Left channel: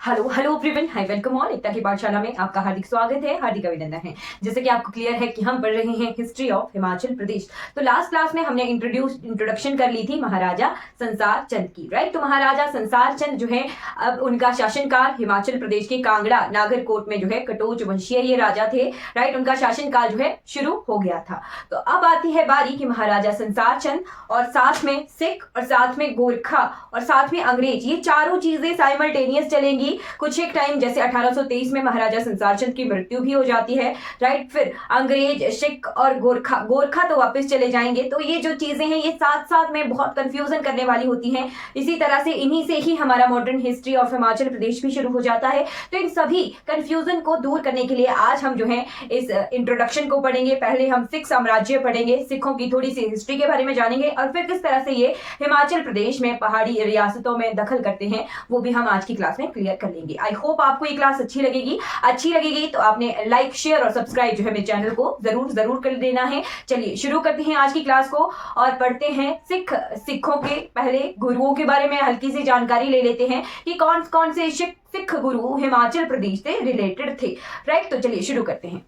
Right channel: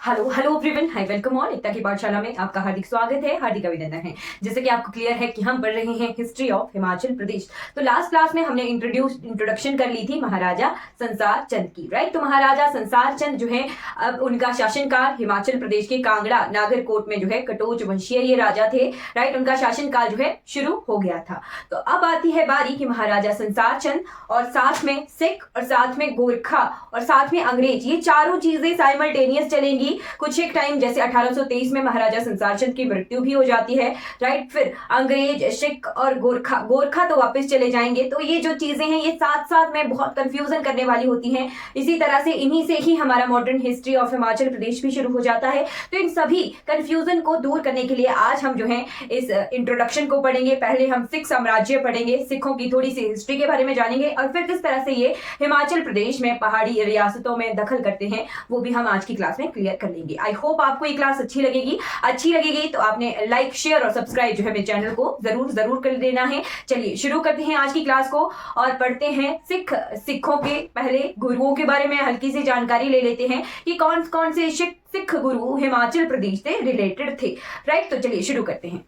Hello hello everyone, hi welcome all. Ekta की पाठशाला में आपका हार्दिक स्वागत है, हार्दिक अभिनंदन है। जैसे कि आपको क्लियर है कि हम पढ़ रहे हैं हिस्ट्री ऑफ हिमाचल प्रदेश। तो लास्ट क्लास में हमने इंट्रोडक्शन कर ली थी महाराजा संसार चंद की, राइट। तो महाराजा संसार चंद जो है, अब उनका शासनकाल हिमाचल प्रदेश के कांगड़ा नागरकोट में जो है कटोच वंशीय ये राजा थे, राइट। उनका शासनकाल जो है शुरू हो गया था। तो अब आती है बारी कि महाराजा संसार चंद और साथ में सिख और साथ में गोरखा और साथ में अंग्रेज, ये चारों चीजें साइमल्टेनियस चलेंगी। कुछ एक टाइम जैसे 1823 में महाराजा संसार चंद की मृत्यु भी हो जाती है, राइट। फिर अंग्रेज, सिख और गोरखा गोरखा तो वापस चले जाएंगे। तो ये जो चीजें हैं ये साथ साथ में बहुत कंफ्यूजन करने वाली होती हैं। इसी तरह से इन्हीं से ही हमारा modern history of Himachal Pradesh भी शुरू हो जाता है। तो इन सभी कंफ्यूजन को दूर करने के लिए आज हम जो है इस इंट्रोडक्शन को पढ़ेंगे। पहले हम सिख साम्राज्य पढ़ेंगे, सिखों की थोड़ी सी हिस्ट्री के बारे में जानेंगे और फिर किस तरह से ये हिमाचल प्रदेश में पहाड़ी रियासतों में दखल करते हैं वो भी हम आज की क्लास में क्लियर कर लेंगे। आई होप आपको ये क्लास अच्छी लगेगी तो आपने लाइक, शेयर और सब्सक्राइब जो है मेरे चैनल को जरूर कर देना है। चलिए शुरू करते हैं आज की क्लास को और पढ़ते हैं सिखों के पहले गुरुओं के बारे में हल्की सी जानकारी ले लेते हैं कि कौन कौन से सिख गुरु हिमाचल प्रदेश से रिलेटेड थे, राइट। तो चलिए शुरू करते हैं।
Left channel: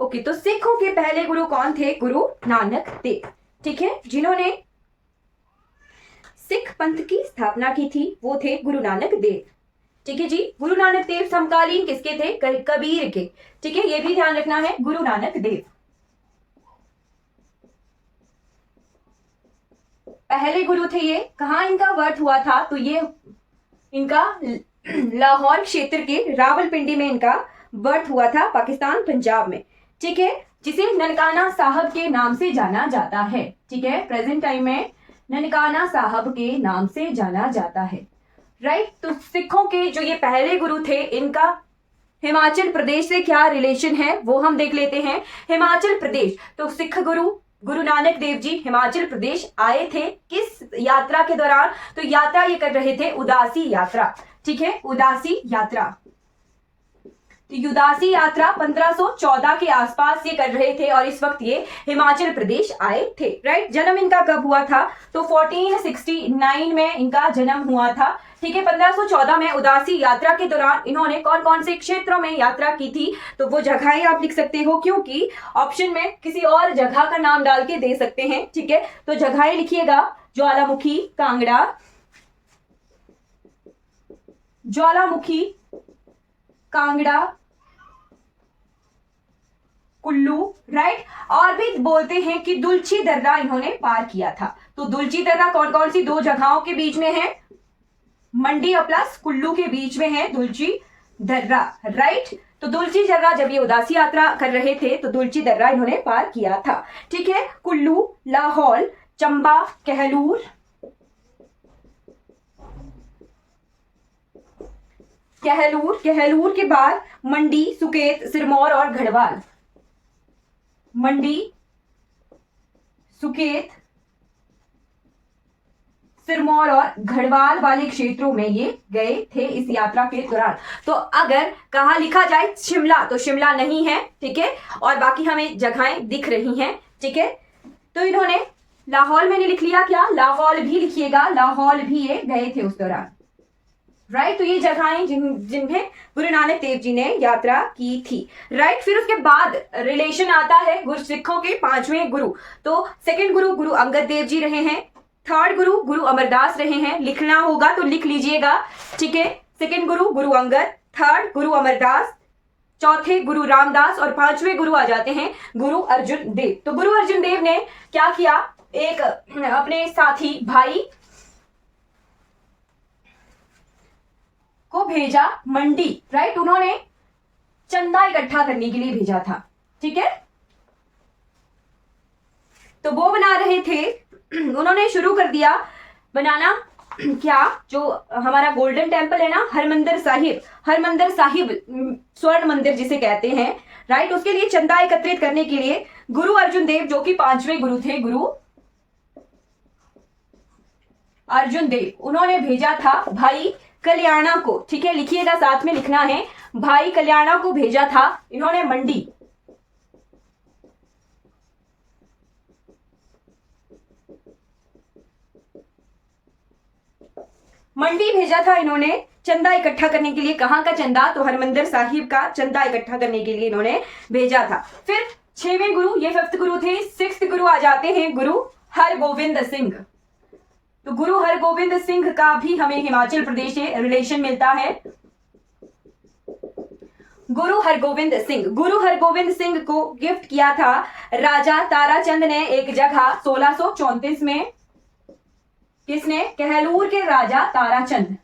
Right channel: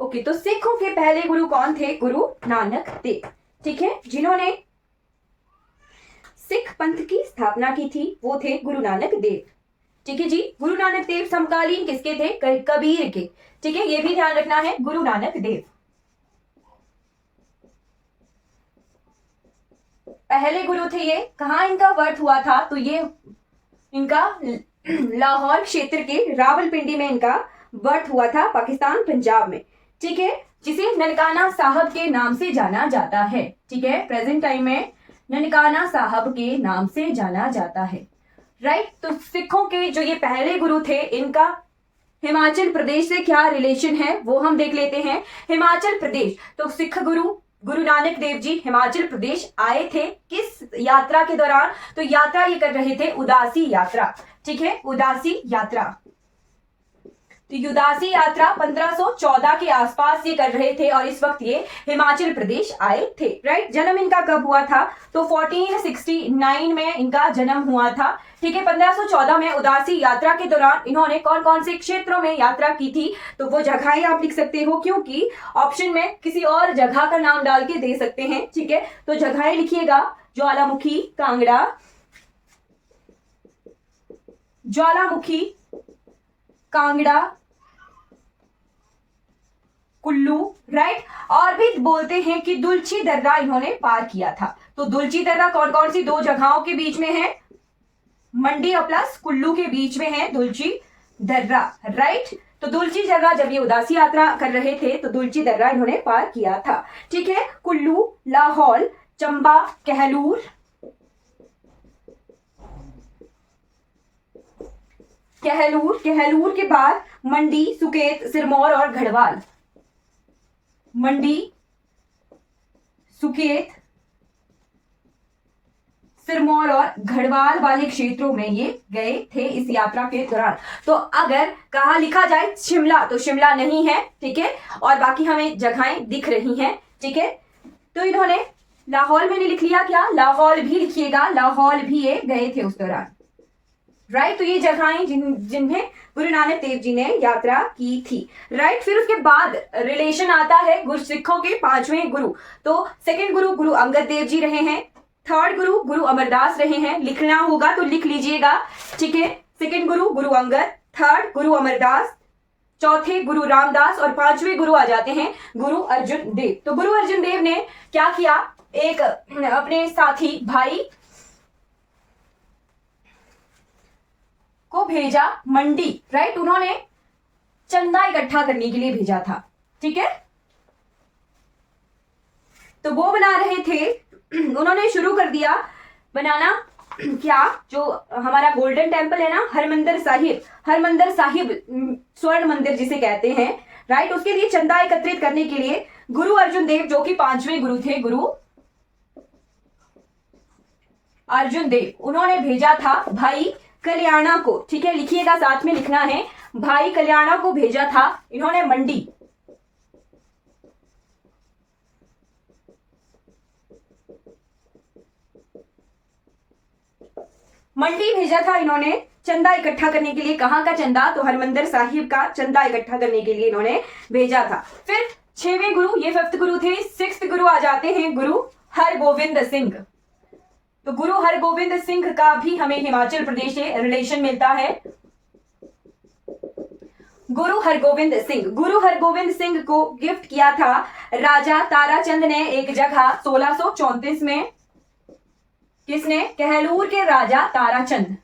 ओके, तो सिखों के पहले गुरु कौन थे? गुरु नानक देव, ठीक है, जिन्होंने सिख पंथ की स्थापना की थी वो थे गुरु नानक देव, ठीक है जी। गुरु नानक देव समकालीन किसके थे? कबीर के, ठीक है, ये भी ध्यान रखना है। गुरु नानक देव पहले गुरु थे। ये कहाँ इनका बर्थ हुआ था? तो ये इनका लाहौर क्षेत्र के रावलपिंडी में इनका बर्थ हुआ था, पाकिस्तान पंजाब में, ठीक है, जिसे ननकाना साहब के नाम से जाना जाता है, ठीक है। प्रेजेंट टाइम में ननकाना साहब के नाम से जाना जाता है, राइट। तो सिखों के जो ये पहले गुरु थे इनका हिमाचल प्रदेश से क्या रिलेशन है वो हम देख लेते हैं। हिमाचल प्रदेश, तो सिख गुरु गुरु नानक देव जी हिमाचल प्रदेश आए थे किस यात्रा के दौरान? तो यात्रा ये कर रहे थे उदासी यात्रा, ठीक है, उदासी यात्रा। तो उदासी यात्रा 1514 के आसपास ये कर रहे थे और इस वक्त ये हिमाचल प्रदेश आए थे, राइट। जन्म इनका कब हुआ था? तो 1469 में इनका जन्म हुआ था, ठीक है। 1514 में उदासी यात्रा के दौरान इन्होंने कौन कौन से क्षेत्रों में यात्रा की थी? तो वो जगहें आप लिख सकते हो क्योंकि ऑप्शन में किसी और जगह का नाम डाल के दे सकते हैं, ठीक है। तो जगहें लिखिएगा, ज्वालामुखी, कांगड़ा, ज्वालामुखी, कांगड़ा, कुल्लू, राइट। और भी बोलते हैं कि दुलची दर्रा इन्होंने पार किया था। तो दुलची दर्रा कौन कौन सी दो जगहों के बीच में है? मंडी और प्लस कुल्लू के बीच में है दुलची दर्रा, राइट। तो दुलची दर्रा जब ये उदासी यात्रा कर रहे थे तो दुलची दर्रा इन्होंने पार किया था, ठीक है। कुल्लू, लाहौल, चंबा, कहलूर, कहलूर के बाद मंडी, सुकेत, सिरमौर और गढ़वाल, मंडी, सुकेत, सिरमौर और गढ़वाल वाले क्षेत्रों में ये गए थे इस यात्रा के दौरान। तो अगर कहा लिखा जाए शिमला तो शिमला नहीं है, ठीक है, और बाकी हमें जगहें दिख रही हैं, ठीक है। तो इन्होंने लाहौल मैंने लिख लिया, क्या लाहौल भी लिखिएगा, लाहौल भी ये गए थे उस दौरान, राइट। तो ये जगहें जिन्हें गुरु नानक देव जी ने यात्रा की थी, राइट। फिर उसके बाद रिलेशन आता है गुरु सिखों के पांचवें गुरु। तो सेकंड गुरु गुरु अंगद देव जी रहे हैं, थर्ड गुरु गुरु अमरदास रहे हैं। लिखना होगा तो लिख लीजिएगा, ठीक है। सेकंड गुरु गुरु अंगद, थर्ड गुरु अमरदास, चौथे गुरु रामदास और पांचवें गुरु आ जाते हैं गुरु अर्जुन देव। तो गुरु अर्जुन देव ने क्या किया? एक अपने साथी भाई को भेजा मंडी, राइट। उन्होंने चंदा इकट्ठा करने के लिए भेजा था, ठीक है। तो वो बना रहे थे, उन्होंने शुरू कर दिया बनाना क्या, जो हमारा गोल्डन टेम्पल है ना, हरमंदिर साहिब स्वर्ण मंदिर जिसे कहते हैं, राइट। उसके लिए चंदा एकत्रित करने के लिए गुरु अर्जुन देव जो कि पांचवें गुरु थे, गुरु अर्जुन देव, उन्होंने भेजा था भाई कल्याणा को, ठीक है, लिखिएगा, साथ में लिखना है, भाई कल्याणा को भेजा था इन्होंने मंडी, मंडी भेजा था इन्होंने चंदा इकट्ठा करने के लिए। कहाँ का चंदा? तो हरमंदिर साहिब का चंदा इकट्ठा करने के लिए इन्होंने भेजा था। फिर 6वें गुरु, ये 5th गुरु थे। 6th गुरु आ जाते हैं गुरु हरगोविंद सिंह। तो गुरु हरगोविंद सिंह का भी हमें हिमाचल प्रदेश से रिलेशन मिलता है। गुरु हरगोविंद सिंह, गुरु हरगोविंद सिंह को गिफ्ट किया था राजा ताराचंद ने एक जगह 1634 में। किसने? कहलूर के राजा ताराचंद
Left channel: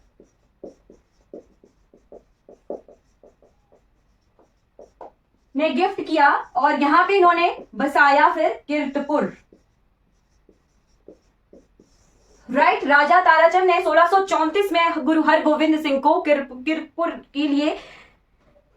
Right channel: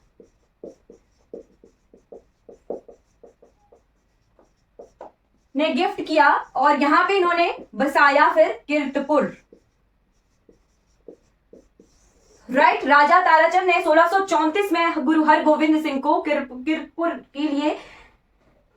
ने गिफ्ट किया और यहां पे इन्होंने बसाया फिर कीर्तपुर। राइट, राजा ताराचंद ने 1634 में गुरु हरगोविंद सिंह को कीर्तपुर के लिए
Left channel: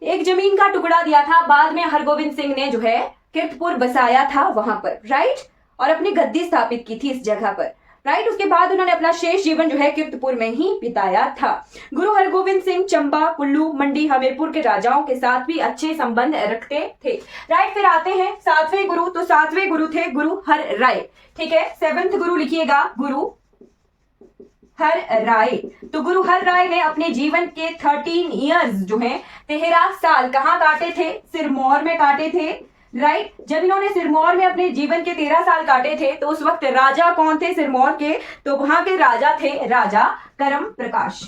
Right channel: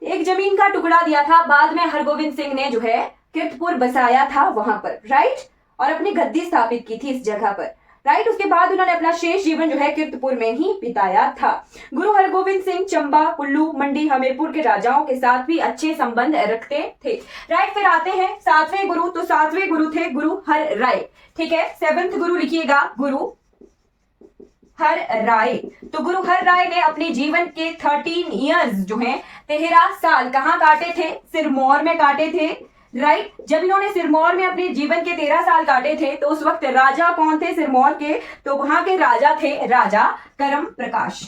एक जमीन का टुकड़ा दिया था। बाद में हरगोविंद सिंह ने जो है कीर्तपुर बसाया था वहां पर, राइट, और अपनी गद्दी स्थापित की थी इस जगह पर, राइट। उसके बाद उन्होंने अपना शेष जीवन जो है कीर्तपुर में ही बिताया था। गुरु हरगोविंद सिंह चंबा, कुल्लू, मंडी, हमीरपुर के राजाओं के साथ भी अच्छे संबंध रखते थे, राइट। फिर आते हैं 7वें गुरु। तो 7वें गुरु थे गुरु हर राय, ठीक है। 7th गुरु लिखिएगा गुरु हर राय। तो गुरु हर राय ने अपने जीवन के 13 इयर्स जो है 13 साल कहाँ काटे थे? सिरमौर में काटे थे, राइट। जब इन्होंने सिरमौर में अपने जीवन के 13 साल काटे थे तो उस वक्त राजा कौन थे सिरमौर के? तो वहां के राजा थे राजा करम प्रकाश,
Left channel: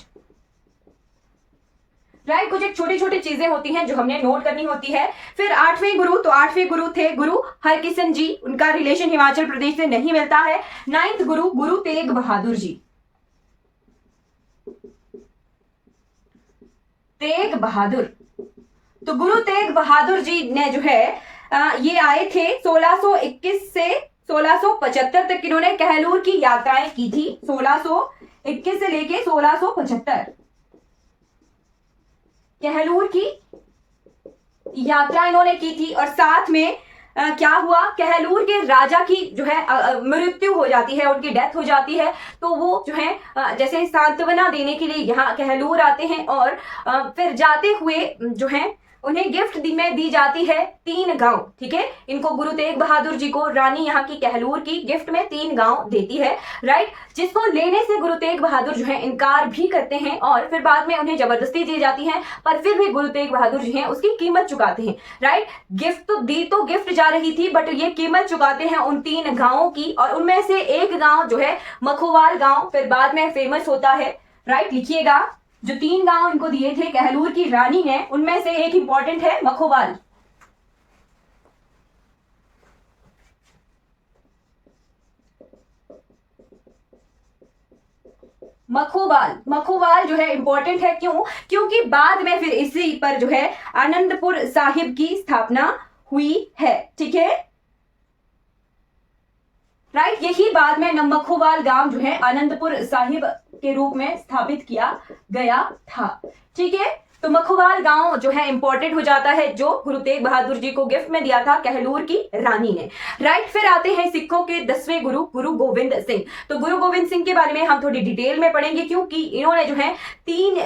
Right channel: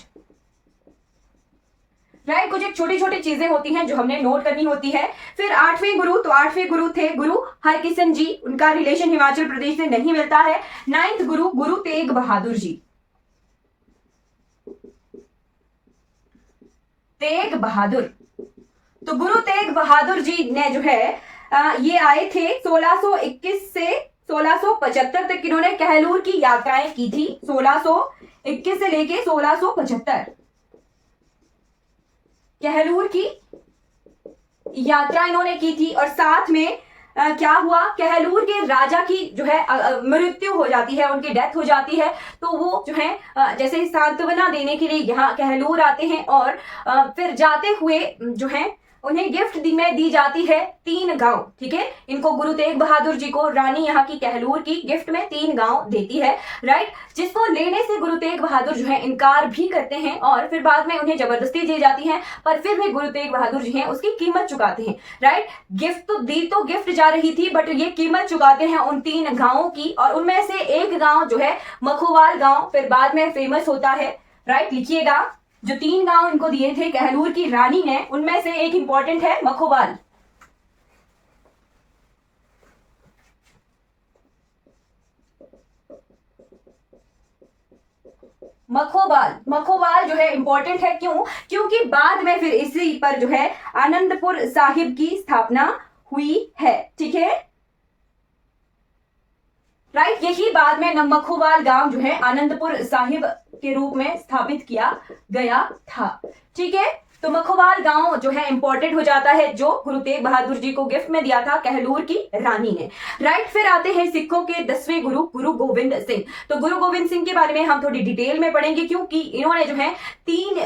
राइट। कुछ एक छोटी छोटी चीजें होती हैं जो हमने नोट करनी होती है। फिर 8वें गुरु, तो 8वें गुरु थे गुरु हरकिशन जी। उनका रिलेशन हिमाचल प्रदेश से नहीं मिलता है। 9th गुरु गुरु तेग बहादुर जी। तेग बहादुर, तो गुरु तेग बहादुर जी ने जो है ये आए थे 1621 से 1675 तक। इन्होंने कहलूर की यात्राएं की थी 1621 से लेके 1675। कहलूर की यात्रा इन्होंने की थी और साथ में क्या हुआ? कहलूर के राजा की जो है मृत्यु हो जाती है, उनकी डेथ हो जाती है। तो वो जो है जैसे सांत्वना देने के लिए यहाँ कहलूर आते हैं और फिर जाते हुए जो है उन्हें गिफ्ट में दी जाती है 3 गांव, ठीक है। इनको गुरु तेग बहादुर जी को रानी यहाँ की कहलूर की गिफ्ट में 3 गांव देती है, राइट। जिसको लेने से गुरु तेग बहादुर जो है इनकार भी करते हैं और फिर बाद में उन्हें जबरदस्ती दी जाती है, पर फिर भी गुरु तेग बहादुर जी हैं उसकी कीमत चुकाते हैं, राइट। गिफ्ट तो दी, तो गिफ्ट जा रही थी, बट ये कीमत चुकाते हैं उन 3 गांवों की। और उनमें से एक गांव जो है मखोवाल गांव फिर बाद में फेमस होता है, राइट। लिखिएगा, जो 3 गांव इनको दिए थे कहलूर की रानी ने, उनमें से एक इंपॉर्टेंट है मखोवाल। मखोवाल, मखोवाल जो है इंपॉर्टेंट है, क्यों? क्योंकि बाद में फिर इसी पर जो है आनंदपुर साहिब की स्थापना हुई है, ठीक है, राइट। यही बाद में मखोवाल गांव जो है आनंदपुर साहिब के रूप में स्थापित किया गया था, ठीक है। तो मखोवाल गांव जो है इंपॉर्टेंट हो जाता है, जो गुरु तेग बहादुर जी को गिफ्ट में दिया था कहलूर की रानी ने, राइट। फिर आते हैं सिखों के 10वें गुरु गुरु गोविंद सिंह। तो गुरु गोविंद सिंह के बारे में हम थोड़ी डिटेल में पढ़ेंगे, क्योंकि इन्होंने जो है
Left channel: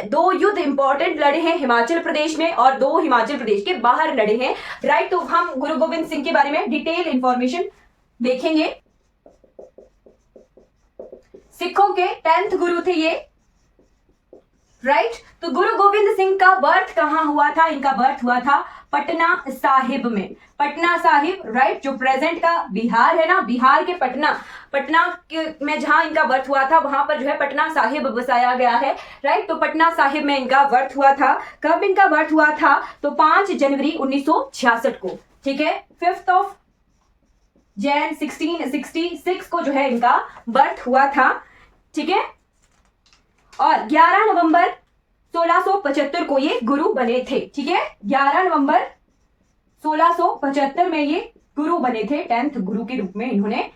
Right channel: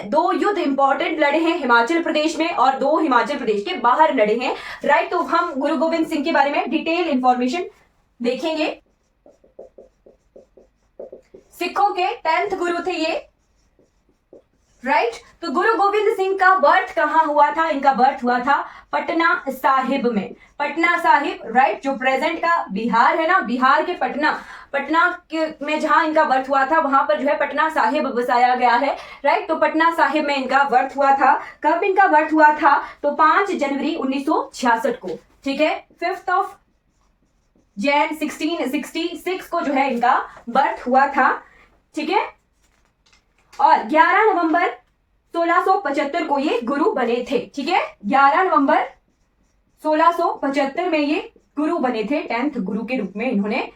2 युद्ध इंपॉर्टेंट लड़े हैं हिमाचल प्रदेश में और 2 हिमाचल प्रदेश के बाहर लड़े हैं, राइट। तो हम गुरु गोविंद सिंह के बारे में डिटेल इंफॉर्मेशन देखेंगे। सिखों के 10th गुरु थे ये, राइट। तो गुरु गोविंद सिंह का बर्थ कहां हुआ था? इनका बर्थ हुआ था पटना साहिब में, पटना साहिब, राइट। जो प्रेजेंट का बिहार है ना, बिहार के पटना में जहां इनका बर्थ हुआ था वहां पर जो है पटना साहिब बसाया गया है, राइट। तो पटना साहिब में इनका बर्थ हुआ था। कब इनका बर्थ हुआ था? तो 5 जनवरी 1966 को, ठीक है। 5th ऑफ जैन 1666 को जो है इनका बर्थ हुआ था, ठीक है। और 11 नवंबर 1675 को ये गुरु बने थे, ठीक है। 11 नवंबर 1675 में ये गुरु बने थे। 10th गुरु के रूप में इन्होंने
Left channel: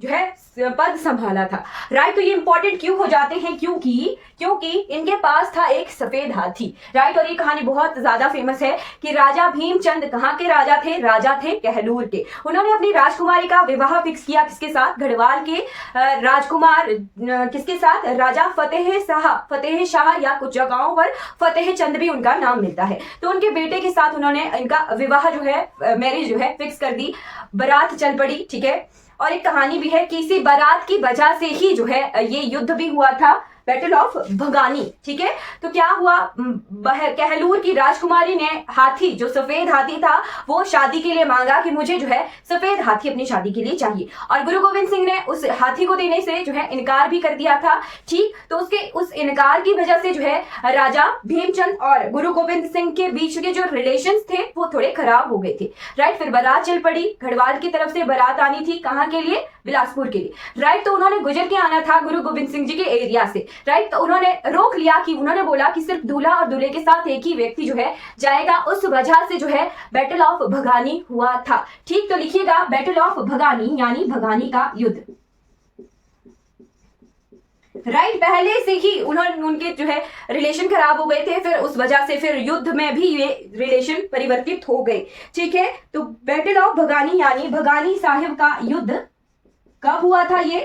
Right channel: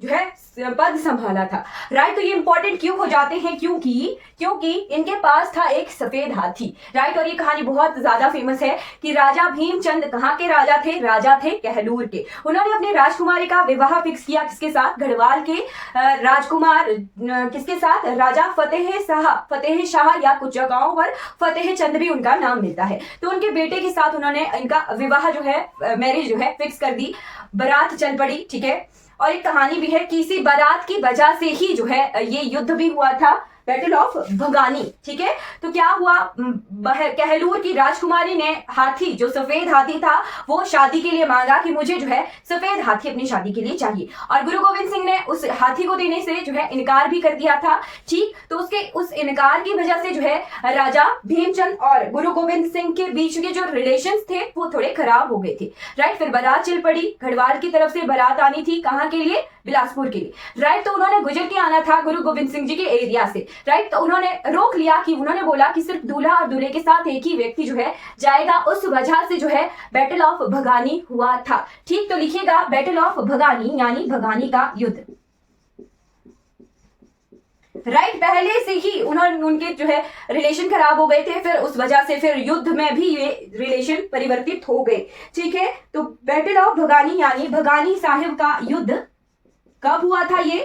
जो है पद संभाला था, राइट। तो ये इंपॉर्टेंट क्यों हो जाते हैं? क्योंकि इनके पास था एक सफेद हाथी, राइट। और ये कहानी बहुत ज्यादा फेमस है कि राजा भीमचंद कहाँ के राजा थे? राजा थे कहलूर के। उन्होंने अपनी राजकुमारी का विवाह फिक्स किया किसके साथ? गढ़वाल के राजकुमार किसके साथ? राजा फतेह शाह या कुछ जगहों पर फतेह चंद भी उनका नाम मिलता है। तो उनके बेटे के साथ उन्होंने इनका विवाह जो है मैरिज जो है फिक्स कर दी। बारात चल पड़ी, ठीक है। और एक कहानी भी है कि इसी बारात की वजह से ही जो है ये युद्ध भी हुआ था, बैटल ऑफ भगानी। ठीक है, तो क्या हुआ, कहलूर की राजकुमारी ने हाथी, जो सफेद हाथी था, वो शादी के लिए मांगा कि मुझे जो है सफेद हाथी अपनी शादी के लिए चाहिए, और गुरु गोविंद सिंह ने उस हाथी को देने से जो है इनकार भी कर दिया था। ठीक, तो उसके उस इनकार की वजह से जो है राजा भीमचंद और गुरु गोविंद सिंह के बीच के जो रिलेशंस थे वो थोड़े खराब हो गए थे। राइट, फिर बारात चल पड़ी, गढ़वाल की तरफ से बारात आनी थी, कहाँ के लिए, बिलासपुर के लिए। राइट, तो उन्होंने गुजर के आना था गुरु गोविंद सिंह जी के एरिया से। राइट, तो उन्होंने रोक लिया कि उन्होंने बोला कि सिर्फ दूल्हा और दूल्हे के साथ एक ही व्यक्ति जो है जाएगा, उस वजह से जो है बैटल ऑफ भगानी हुआ था। ठीक, तो लिखिएगा बैटल ऑफ भगानी यानी भगानी का युद्ध। राइट, पहले से ही उनके जो है रिलेशन खराब हो गए थे, फिर उस वजह से फिर युद्ध में भी ये रिलेशन परिवर्तित हो गए। ठीक है, तो बैटल ऑफ भगानी यानी भगानी साहिब का युद्ध कब हुआ था ये,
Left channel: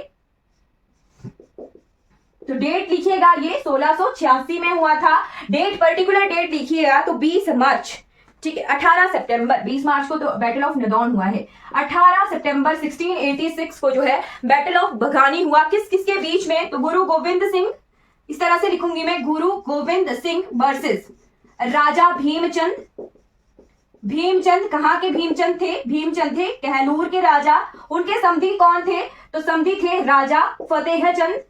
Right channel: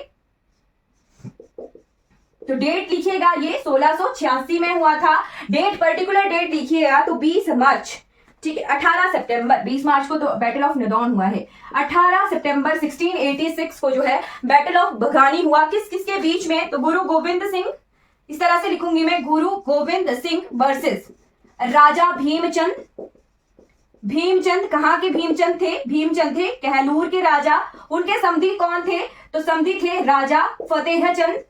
तो डेट लिखिएगा, ये 1686 में हुआ था। डेट, पर्टिकुलर डेट लिखिएगा तो 20 मार्च। ठीक है, 18 सितंबर, 20 मार्च को तो बैटल ऑफ नदौन हुआ है, 18 सितंबर 1686 को जो है बैटल ऑफ भगानी हुआ। किस किस के बीच में, तो गुरु गोविंद सिंह, इस तरह से लिखूंगी मैं, गुरु गोविंद सिंह वर्सेस राजा भीमचंद। भीमचंद कहाँ के भीमचंद थे, भीमचंद थे कहलूर के राजा। उनके समधी कौन थे, तो समधी थे राजा फतेहचंद।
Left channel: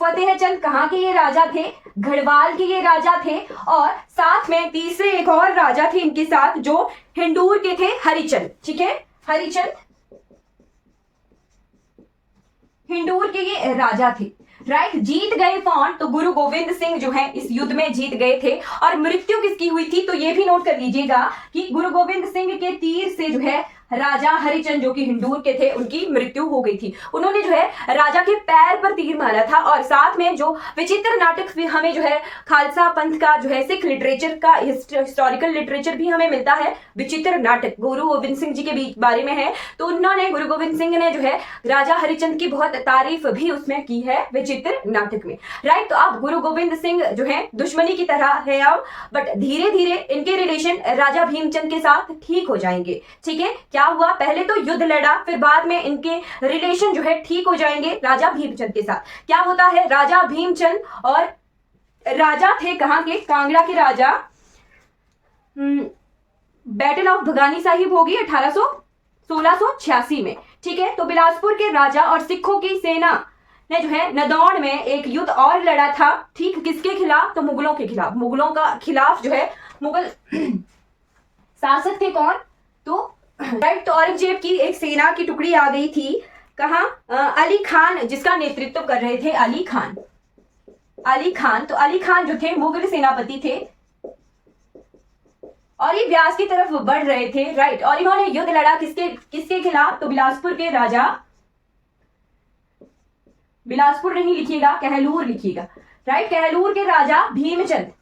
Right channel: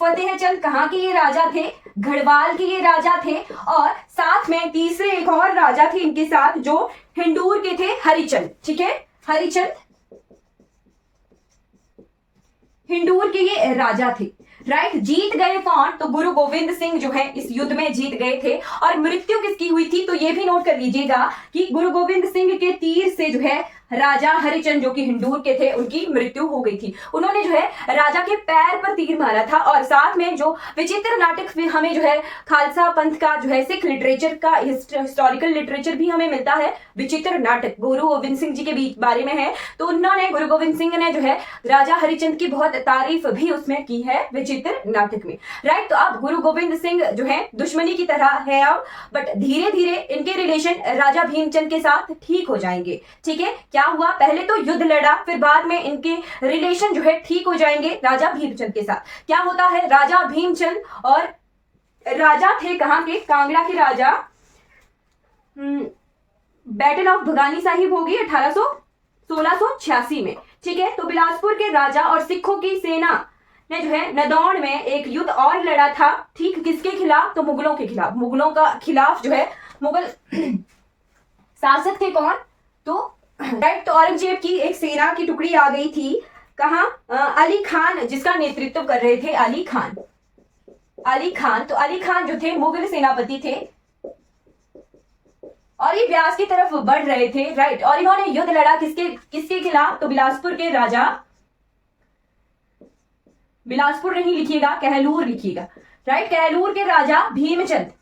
फतेहचंद कहाँ के ये राजा थे, गढ़वाल के ये राजा थे। और साथ में तीसरे एक और राजा थे इनके साथ जो हिंदूर के थे, हरिचंद। ठीक है, हरिचंद हिंदूर के ये राजा थे। राइट, जीत गए कौन, तो गुरु गोविंद सिंह जो है इस युद्ध में जीत गए थे। और मृत्यु किसकी हुई थी, तो ये भी नोट कर लीजिएगा कि गुरु गोविंद सिंह के तीर से जो है राजा हरिचंद जो कि हिंदूर के थे उनकी मृत्यु हो गई थी। उन्होंने जो है राजा के पैर पर तीर मारा था। और साथ में जो विचित्र नाटक हमें जो है खालसा पंथ का जो है सिख लिटरेचर का हिस्टोरिकल लिटरेचर भी हमें मिलता है, विचित्र नाटक गुरु गोविंद सिंह जी के बारे में है। तो उन्होंने, गुरु गोविंद सिंह ने जो है राजा हरिचंद की बहुत तारीफ भी उसमें की है विचित्र नाटक में। राइट, तो अब गुरु गोविंद सिंह जो है दुश्मनी की तरह है अब, बट धीरे धीरे इनके रिलेशन राजा भीमचंद के साथ ठीक हो जाएंगे। ठीक है, क्या हुआ, पहले तो युद्ध लड़ा, फिर बाद में इनके रिलेशन जो है ठीक हो जाएंगे राजा भीमचंद के साथ। क्या होता है, राजा भीमचंद और राजा थे कहां के, कांगड़ा के राजा। बैटल ऑफ भगानी साहिब होगी 1686 में। ठीक है, तो बिलासपुर के राजा और सिखों की सेना ने जो है नदौन में एक युद्ध और लड़ा था। ठीक, किसके खिलाफ, तो मुगलों के खिलाफ। मुगलों का खिलाफ जो है मुगल शासक थे कौन, तो राइट, तो औरंगजेब की एक सेना की टुकड़ी आ गई थी कहा, अली खान जिसका नेतृत्व कर रहे थे, अली खान। अली खान, तो अली खान जो थे मुगल सेनापति थे और ये ब्यास की तरफ बढ़ रहे थे। राइट, और इन्होंने युद्ध लड़ा किसके किसके खिलाफ, तो बिलासपुर के राजा, बिलासपुर नहीं लिखिएगा, कहलूर लिखिएगा। राइट, कहलूर के राजा भीमचंद।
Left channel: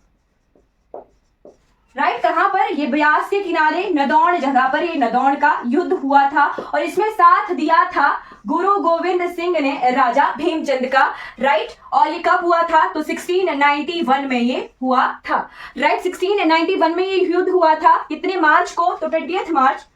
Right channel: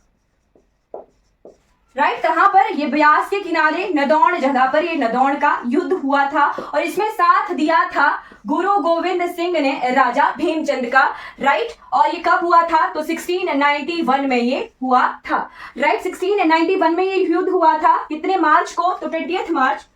राइट, कहां पर, ये ब्यास के किनारे नदौन जगह पर ये नदौन का युद्ध हुआ था। और इसमें साथ दिया था गुरु गोविंद सिंह ने राजा भीमचंद का। राइट, और ये कब हुआ था, तो 1691 में ये हुआ था। राइट, 1691 में ये युद्ध हुआ था, कितने मार्च को, तो 20 मार्च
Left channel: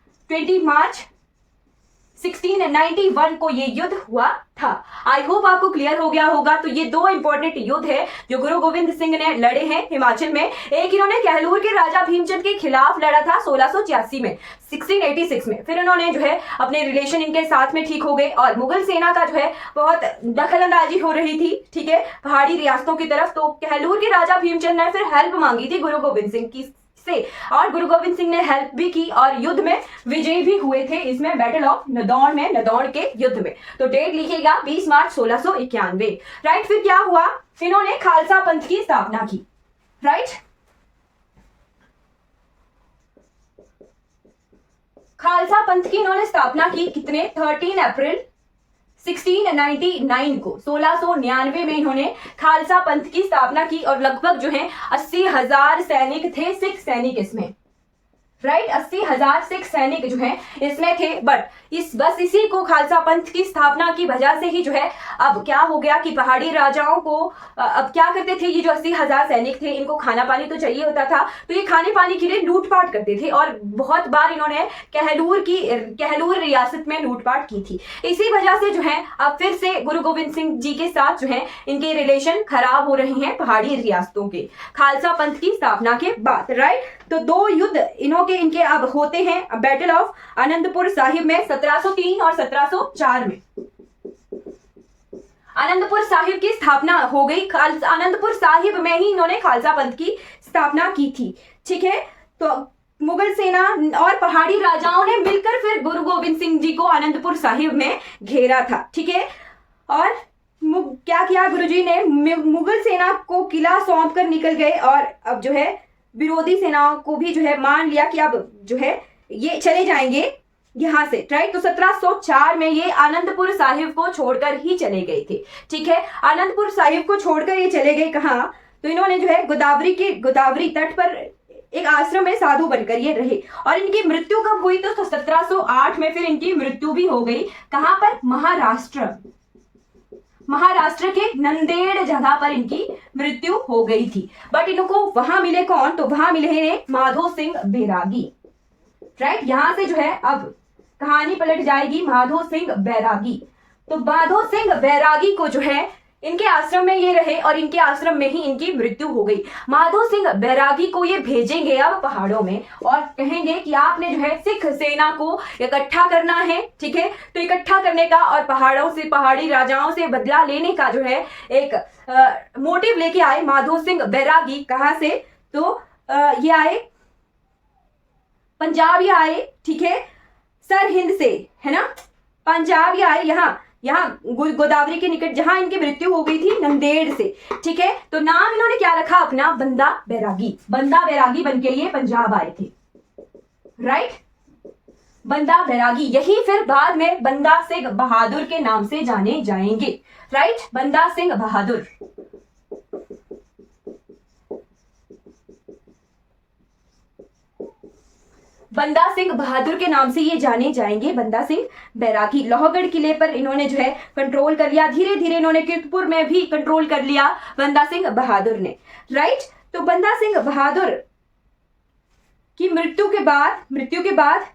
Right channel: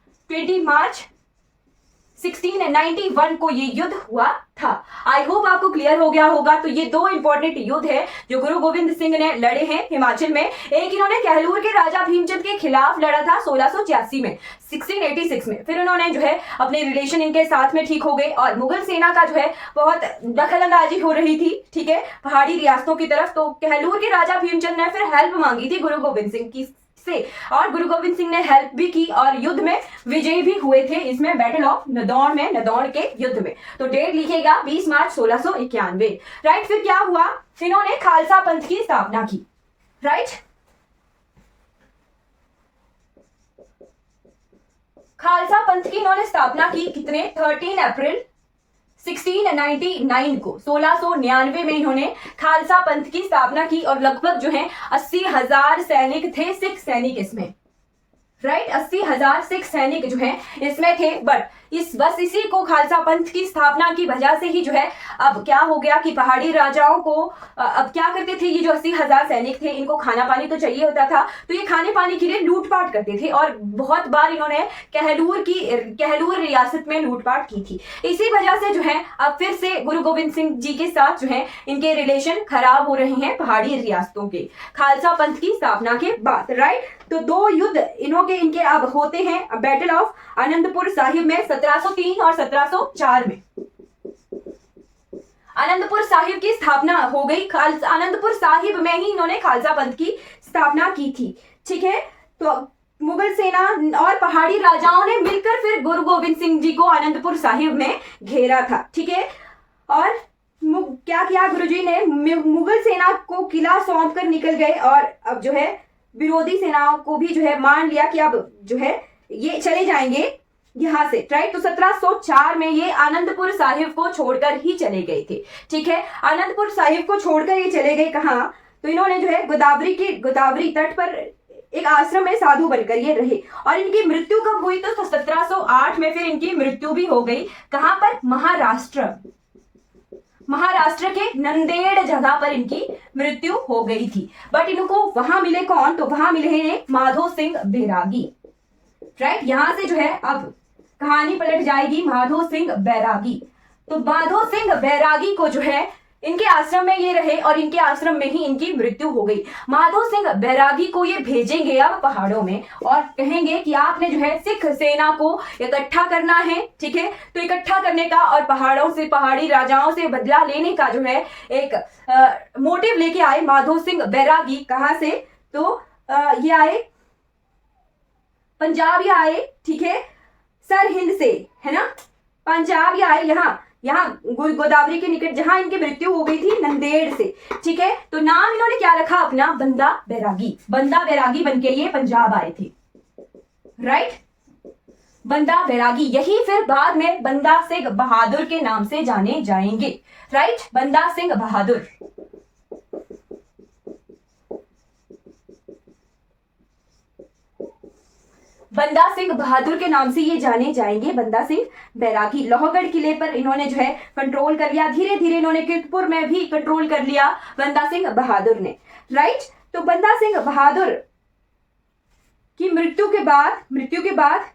1691 को ये युद्ध हुआ था। आई होप आपको क्लियर हो गया होगा। तो ये दो इंपॉर्टेंट युद्ध है जो गुरु गोविंद सिंह ने लड़े हैं हिमाचल में। एक इन्होंने कहलूर के राजा भीमचंद के खिलाफ लड़ा था 1686 में, 1686 में। फिर उन्होंने जो है अपने रिलेशन इनके साथ में ठीक हो गए और मुगल सेना का जो है बहुत दखल अंदाजी हो रही थी, ठीक है, पहाड़ी रियासतों की तरफ। तो कहलूर के राजा भीमचंद ने फिर हेल्प मांगी थी गुरु गोविंद सिंह की से, और गुरु गोविंद सिंह ने हेल्प भी की और युद्ध में विजयी भी हुए थे इसमें, बैटल ऑफ नदौन में, नदौन के युद्ध में। तो डेट लिखिएगा 20 मार्च 1691। राइट, फिर क्या हुआ, इन्होंने खालसा पंथ की स्थापना की। राइट, खालसा पंथ की इन्होंने स्थापना की कितने, 13 अप्रैल 1699 को, 1699 में इन्होंने खालसा पंथ की स्थापना की। और लगभग जो है 80,000 सैनिक थे, सिख सैनिक इसमें। राइट 80,000 सिख सैनिक जो है इसमें थे, बट बस इसी को खालसा पंथ की स्थापना की वजह से ही जो है अब क्या हो गया कि पहाड़ी राजाओं को अब क्या करते थे, ये जो 80,000 सैनिक थे इनको खाना पानी तो चाहिए होता था, तो ये खाने पानी के लिए लूटपाट करते थे और बहुत बार इन्होंने कहलूर रियासत में लूटपाट की थी। इसी वजह से जो है अब फिर से गुरु गोविंद सिंह जी के साथ जो है इनके रिलेशन खराब हो रहे हैं पहाड़ी रियासतों के खालसा पंथ की स्थापना के बाद। राइट, तो दो युद्ध इनके अब होते हैं बैटल ऑफ आनंदपुर साहिब में 1703 और 1704 में। आनंदपुर साहिब की स्थापना हो गई, आनंदपुर साहिब में ही इन्होंने खालसा पंथ की स्थापना की थी। ठीक है, तो मुगल सेना और पहाड़ी राजाओं ने मिलकर फिर गुरु गोविंद सिंह जी को आनंदपुर साहिब में घेरा था। ठीक है, और क्या किया गुरुजी ने, मुगल सेना को किला सौंप कर निकल गए और अब जो है विरोधी सेनाओं को भी जो है मान लिया कि अब जो है ये चले जाएंगे यहां से। राइट, तो 1704 में ये आनंदपुर साहिब को छोड़कर ही चले गए थे। ठीक है, आनंदपुर साहिब को छोड़कर ये चले गए कहाँ, तो इन्होंने जो है गोदावरी तट पर एक आश्रम में साधु बनकर ये रहे और इनकी मृत्यु कब हुई, तो 1708 में फिर इनकी मृत्यु भी हो गई। कहां पर, महाराष्ट्र के नंदेड़ जगह पर इनकी मृत्यु हो गई थी। बट इनको वहां मिले कौन, तो वहां मिले हैं माधो सिंह बैरागी। राइट, यहां से जो है अब कहानी पलट जाएगी माधो सिंह बैरागी। तो माधो सिंह बैरागी को जो है इनके आश्रम में ये रहे और इनके आश्रम में ही इनकी मृत्यु हो गई। माधो सिंह बैरागी को ये भेजेंगे अब पहाड़ों में और कहेंगे कि आपने जो है सिख सेना को इकट्ठा करना है। ठीक है, तो इकट्ठा करने का और पहाड़ी राजाओं से बदला लेने का जो है एक मोटिव लेके आए माधो सिंह बैरागी। कहां से, तो ये आए पंजाब, ये आए, ठीक है, सरहिंद से, है ना, पंजाब ये आए यहाँ गोदावरी के निकट जहां इनकी मृत्यु हो गई थी, नंदेड़ से। ठीक है, तो नाम इन्होंने क्या रखा अपना, बंदा बैरागी बन के ये पंजाब आए थे। राइट, बंदा बैरागी, यही फिर बाद में बंदा सिंह बहादुर के नाम से जाने जाएंगे। राइट, बंदा सिंह बहादुर। बंदा सिंह बहादुर के नाम से ये जाने जाएंगे, बंदा सिंह बैरागी। लोहगढ़ किले पर इन्होंने जो है कंट्रोल कर लिया, धीरे धीरे इन्होंने कीर्तपुर में भी कंट्रोल कर लिया बंदा सिंह बहादुर ने। राइट, तो बंदा सिंह बहादुर की मृत्यु के बाद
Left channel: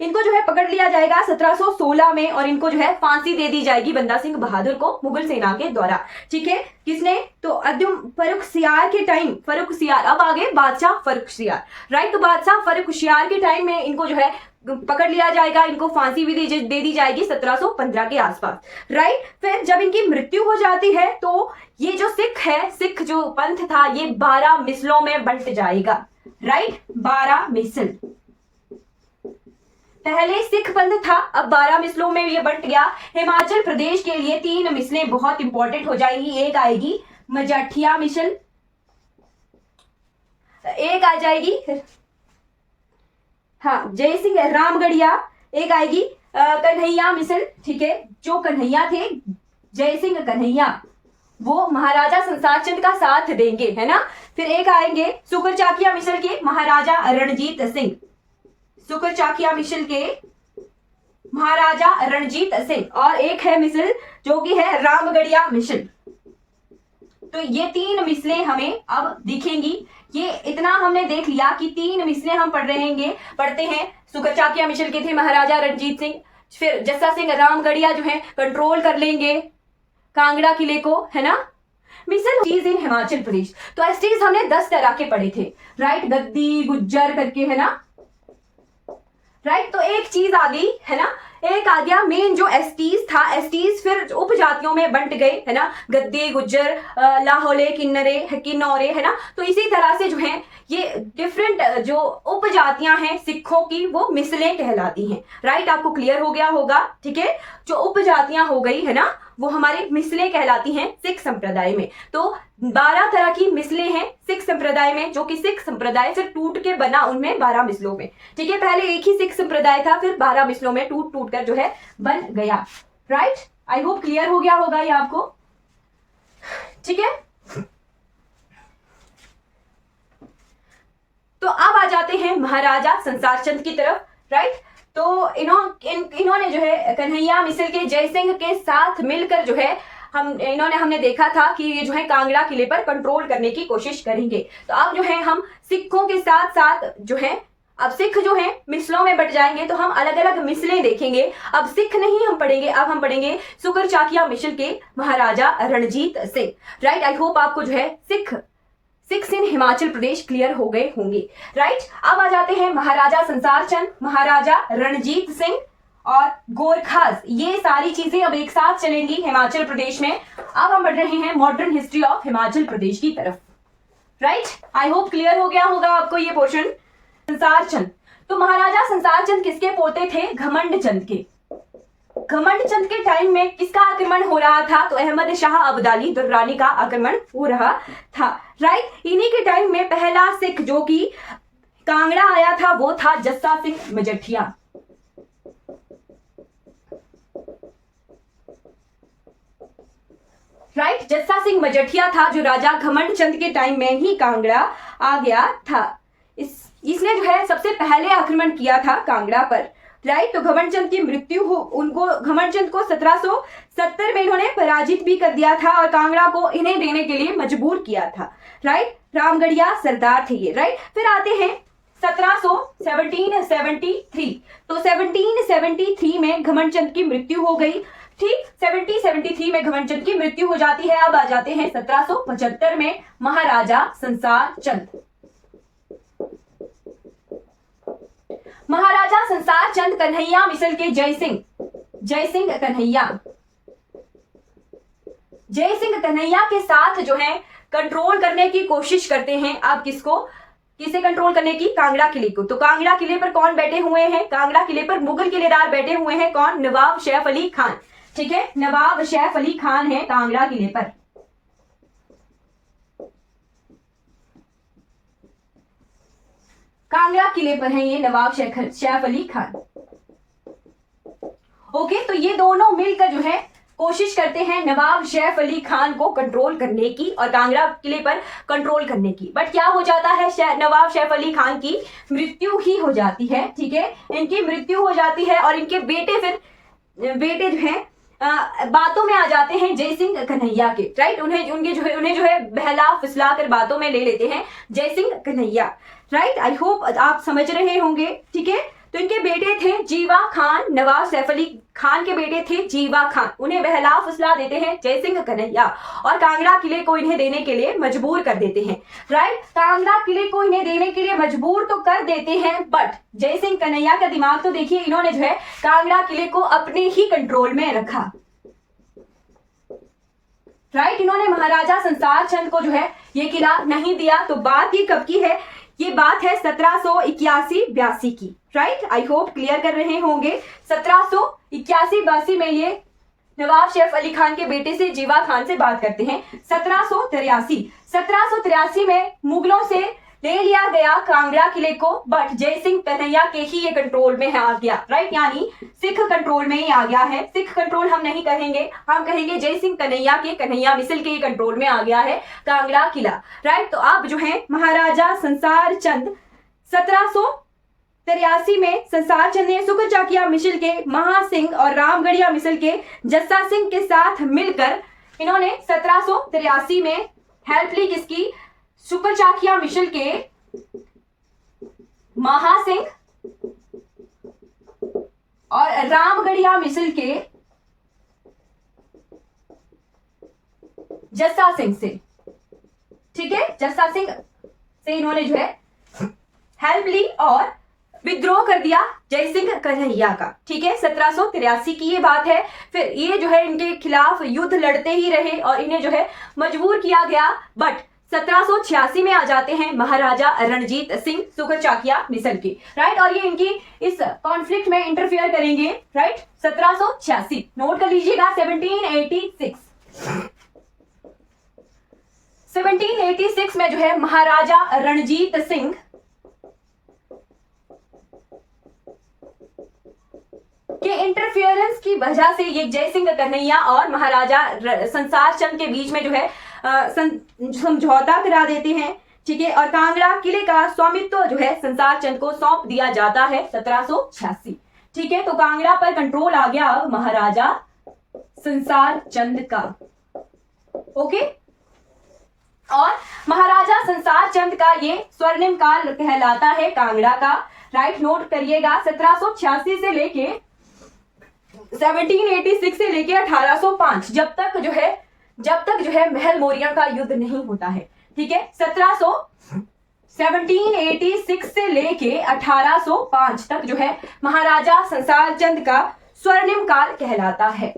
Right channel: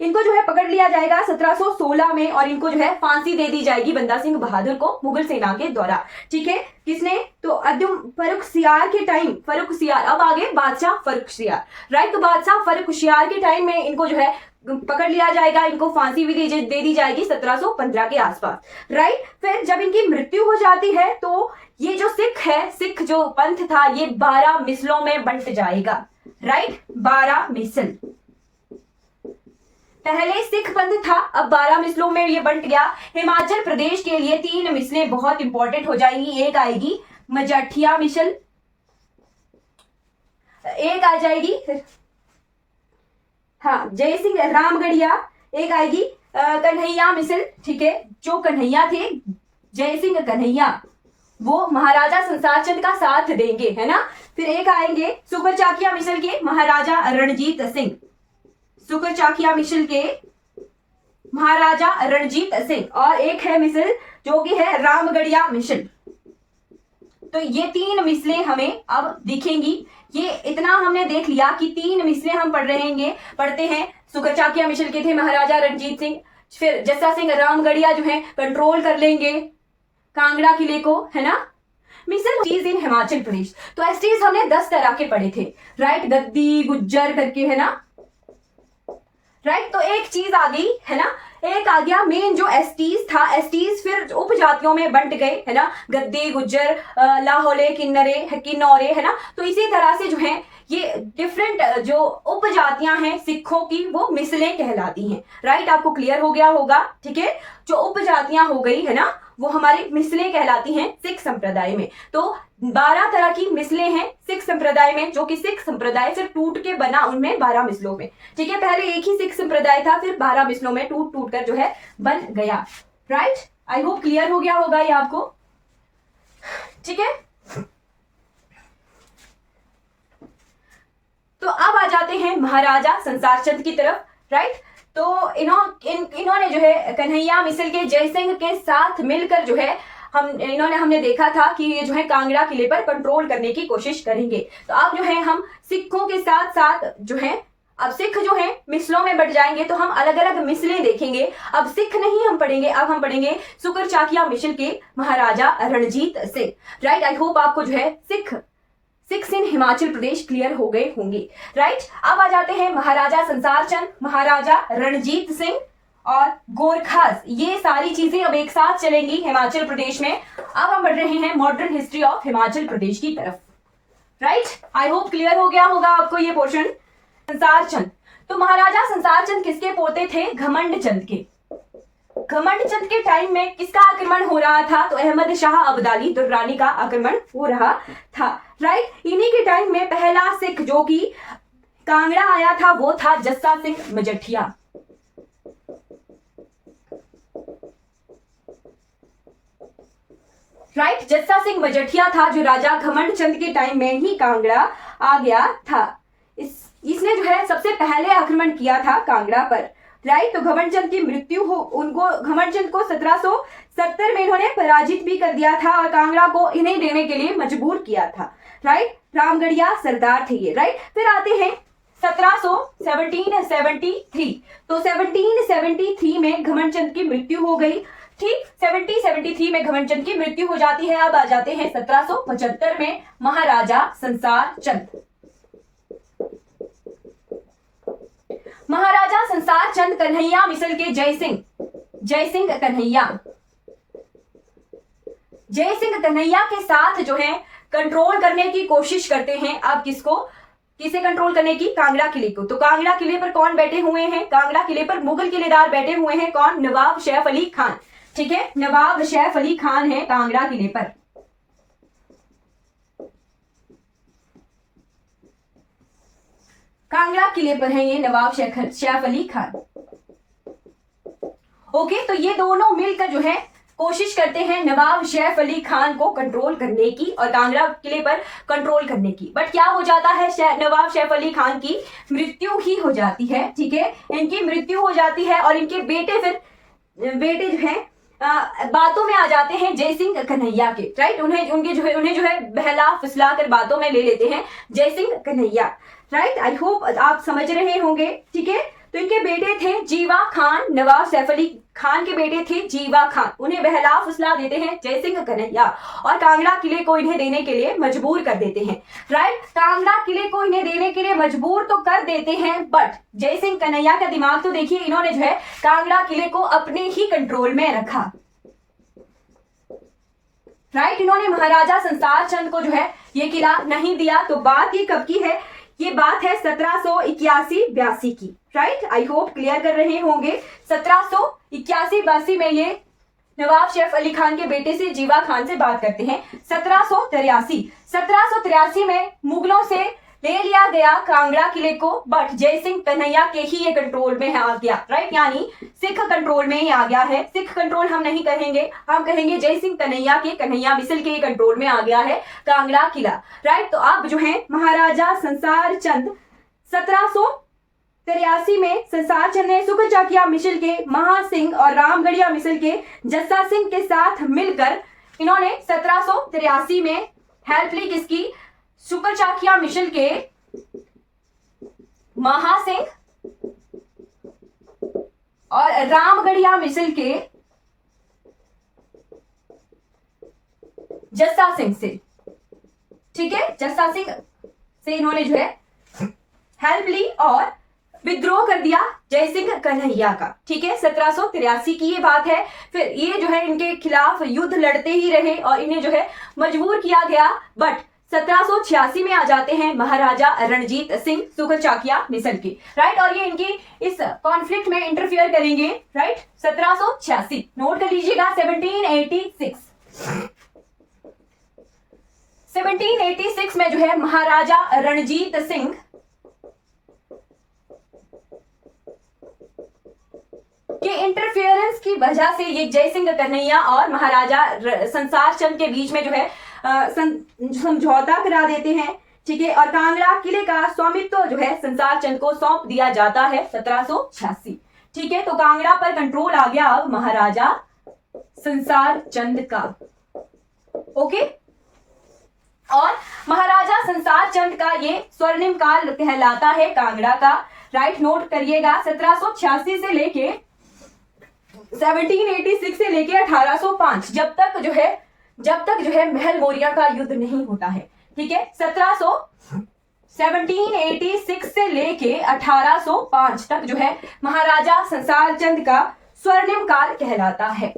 इनको जो है पकड़ लिया जाएगा 1716 में और इनको जो है फांसी दे दी जाएगी बंदा सिंह बहादुर को मुगल सेना के द्वारा। ठीक है, किसने, तो अद्युम फर्रुखसियार के टाइम, फर्रुखसियार, अब आगे बादशाह फर्रुखसियार। राइट, तो बादशाह फर्रुखसियार के टाइम में इनको जो है पकड़ लिया जाएगा, इनको फांसी भी दे दी जाएगी 1715 के आसपास। राइट, फिर जब इनकी मृत्यु हो जाती है तो ये जो सिख जो पंथ था ये 12 मिसलों में बंट जाएगा। राइट, 12 मिसल, पहले सिख पंथ था, अब 12 मिसलों में ये बंट गया। हिमाचल प्रदेश के लिए 3 मिसलें बहुत इंपॉर्टेंट हो जाएंगी। एक आएगी मजाठिया मिसल, एक आ जाएगी हाँ जय सिंह रामगढ़िया, एक आएगी कन्हैया मिसल। ठीक है, जो कन्हैया थे, जय सिंह कन्हैया, वो महाराजा संसार चंद का साथ देंगे, है ना। फिर एक आएंगे सुकर चाकिया मिसल के महाराजा रणजीत सिंह, सुकर चाकिया मिसल के महाराजा रणजीत सिंह, और एक है मिसल जो कि है रामगढ़िया मिसल। तो ये 3 मिसलें हमें अब दिखेंगी। ये इतना हमने देख लिया कि 3 मिसलें हम पढ़ते हैं। सुकर चाकिया मिसल के थे महाराजा रणजीत सिंह, फिर जस्सा सिंह रामगढ़िया जो है कंट्रोल कर लेंगे कांगड़ा किले को, है ना। मिसल चीज इन हिमाचल प्रदेश, तो एसटीज हमने 10 तरह के पढ़े थे। राइट, गद्दी गुज्जर करके, है ना। राइट, तो एक चीज आ गई, है ना, एक आ गया मेन जो एसटीज था। एसटीज फिर उपजातियों में बंट गए, है ना, गद्दी गुज्जर लाहौले किन्नौरे, है ना। तो इसी तरह से जो है ये डिफरेंट जो उपजातियां हैं सिखों की वो मिसलें कहलाती हैं। राइट, आपको क्लियर हो गया होगा। ठीक है, जो उपजातियां हो गई, है ना, वो हमारी मिसलें कहलाती हैं सिख संप्रदाय में। तो 12 तरह की मिसलें हैं सिख संप्रदाय में, जो कि सिख संप्रदाय फिर टूट के बना उनमें 12 मिसलों में। ठीक है, पहले एक ही सिख संप्रदाय था, फिर 12 मिसलों में टूट कर जो है बन गया। राइट, आई होप क्लियर हो गया होगा ये आपको। ठीक है, तो अब आ जाते हैं महाराजा संसार चंद की तरफ, राइट। तो इन्होंने जो है कन्हैया मिसल के जयसिंह के साथ मिलकर जो है हमने देखा था कि ये जो है कांगड़ा किले पर कंट्रोल करने की कोशिश करेंगे। तो अब जो है हम सिखों के साथ साथ जो है, अब सिख जो है मिसलों में बट जाएंगे, तो हम अलग अलग मिसलें देखेंगे। अब सिख नहीं हम पढ़ेंगे, अब हम पढ़ेंगे सुकर चाकिया मिसल के Maharaja Ranjit Singh, right. I hope आपको जो है सिख इन हिमाचल प्रदेश क्लियर हो गए होंगे, राइट। अब आ जाते हैं महाराजा संसार चंद, महाराजा रणजीत सिंह और गोरखास। ये सारी चीजें अब एक साथ चलेंगी हिमाचल प्रदेश में। अब हम बढ़ रहे हैं modern history of Himachal Pradesh की तरफ, राइट। आई होप क्लियर हो गया होगा आपको ये पोर्शन। संसार चंद, तो महाराजा संसार चंद किसके पोते थे? घमंड चंद के। घमंड चंद के टाइम में किसका आक्रमण हो रहा था? तो अहमद शाह अब्दाली दुर्रानी का आक्रमण हो रहा था, राइट। इन्हीं के टाइम में पहला सिख जो कि कांगड़ा आया था वो था जस्सा सिंह मजठिया, राइट। जस्सा सिंह मजठिया था जो राजा घमंड चंद के टाइम में ही कांगड़ा आ गया था। इसने जो है सबसे पहले आक्रमण किया था कांगड़ा पर, राइट। तो घमंड चंद की मृत्यु घमंड चंद को 1770 में इन्होंने पराजित भी कर दिया था और कांगड़ा को इन्हें देने के लिए मजबूर किया था, राइट। रामगढ़िया सरदार थे ये, राइट। फिर आते हैं 1773। तो 1773 में घमंड चंद की मृत्यु हो गई, ठीक। 1773 में घमंड चंद की मृत्यु हो जाती है। अब आ जाते हैं 1775 में महाराजा संसार चंद। महाराजा संसार चंद कन्हैया मिसल के जयसिंह कन्हैया के साथ जो है कंट्रोल करने की कोशिश करते हैं। अब किसे कंट्रोल करने की? कांगड़ा किले को। तो कांगड़ा किले पर कौन बैठे हुए हैं? कांगड़ा किले पर मुगल किलेदार बैठे हुए हैं। कौन? नवाब सैफ अली खान, ठीक है। नवाब सैफ अली खान है कांगड़ा किले पर। कांगड़ा किले पर है ये नवाब सैफ अली खान। ओके, तो ये दोनों मिलकर जो है कोशिश करते हैं नवाब सैफ अली खान को कंट्रोल करने की और कांगड़ा किले पर कंट्रोल करने की। बट क्या हो जाता है? नवाब सैफ अली खान की मृत्यु ही हो जाती है, ठीक है। इनकी मृत्यु हो जाती है और इनके बेटे जो है बातों में आ जाते हैं जयसिंह कन्हैया के, राइट। उन्हें जो है बहला फुसला कर बातों में ले लेते हैं Jaisingh Kanhaiya, right. I hope आप समझ रहे होंगे, ठीक है। तो इनके बेटे थे जीवा खान, नवाब सैफ अली खान के बेटे थे जीवा खान। उन्हें बहला फुसला देते हैं जयसिंह कन्हैया और कांगड़ा किले को इन्हें देने के लिए मजबूर कर देते हैं, राइट। कांगड़ा किले को इन्हें देने के लिए मजबूर तो कर देते हैं, बट जयसिंह कन्हैया का दिमाग तो देखिए, इन्होंने जो है कांगड़ा किले को अपने ही कंट्रोल में रखा, राइट। इन्होंने महाराजा संसार चंद को जो है ये किला नहीं दिया। तो बात ये कब की है? ये बात है 1781-82 की, राइट। आई होप क्लियर कर रहे होंगे। 1781-82 में ये नवाब सैफ अली खान के बेटे से जीवा खान से बात करते हैं। 1783 में मुगलों से ले लिया गया कांगड़ा किले को, बट जयसिंह कन्हैया के ही ये कंट्रोल में आ गया, राइट। यानी सिख कंट्रोल में ही आ गया है। सिख कंट्रोल हम नहीं कहेंगे, हम कहेंगे जयसिंह कन्हैया मिसल के कंट्रोल में आ गया है कांगड़ा किला, राइट। तो अब जो है महाराजा संसार चंद 1783 में संसार चंद ने सुकर चाकिया मिसल के महासिंह और रामगढ़िया मिसल के जस्सा सिंह के साथ मिलकर इन्होंने 1783 में हेल्प ली किसकी? सुकर चाकिया मिसल के महासिंह और रामगढ़िया मिसल के जस्सा सिंह से, ठीक है। जस्सा सिंह से इन्होंने जो है हेल्प ली और विद्रोह कर दिया जयसिंह कन्हैया का, ठीक है। 1783 की ये बात है। फिर ये जो है इनके खिलाफ युद्ध लड़ते ही रहे और इन्हें जो है मजबूर किया गया, बट 1786 में आ जाते हैं महाराजा रणजीत सिंह सुकर चाकिया मिसल के, राइट। और ये इनकी इस कॉन्फ्लिक्ट में इंटरफियर करेंगे, राइट। 1786 नोट कर लीजिएगा। 1786 में जो है महाराजा रणजीत सिंह के इंटरफियरेंस की वजह से ये जयसिंह कन्हैया और महाराजा संसार चंद के बीच में जो है समझौता करा देते हैं, ठीक है, और कांगड़ा किले का स्वामित्व जो है संसार चंद को सौंप दिया जाता है 1786। ठीक है, तो कांगड़ा पर कंट्रोल आ गया अब महाराजा संसार चंद का। ओके, और महाराजा संसार चंद का ये स्वर्णिम काल कहलाता है कांगड़ा का। राइट, नोट करिएगा 1786 से लेके 1786 से लेके 1805, जब तक जो है महल मौर्य का युद्ध नहीं होता है। ठीक है, 1786 से लेके 1805 तक जो है महाराजा संसार चंद का स्वर्णिम काल कहलाता है।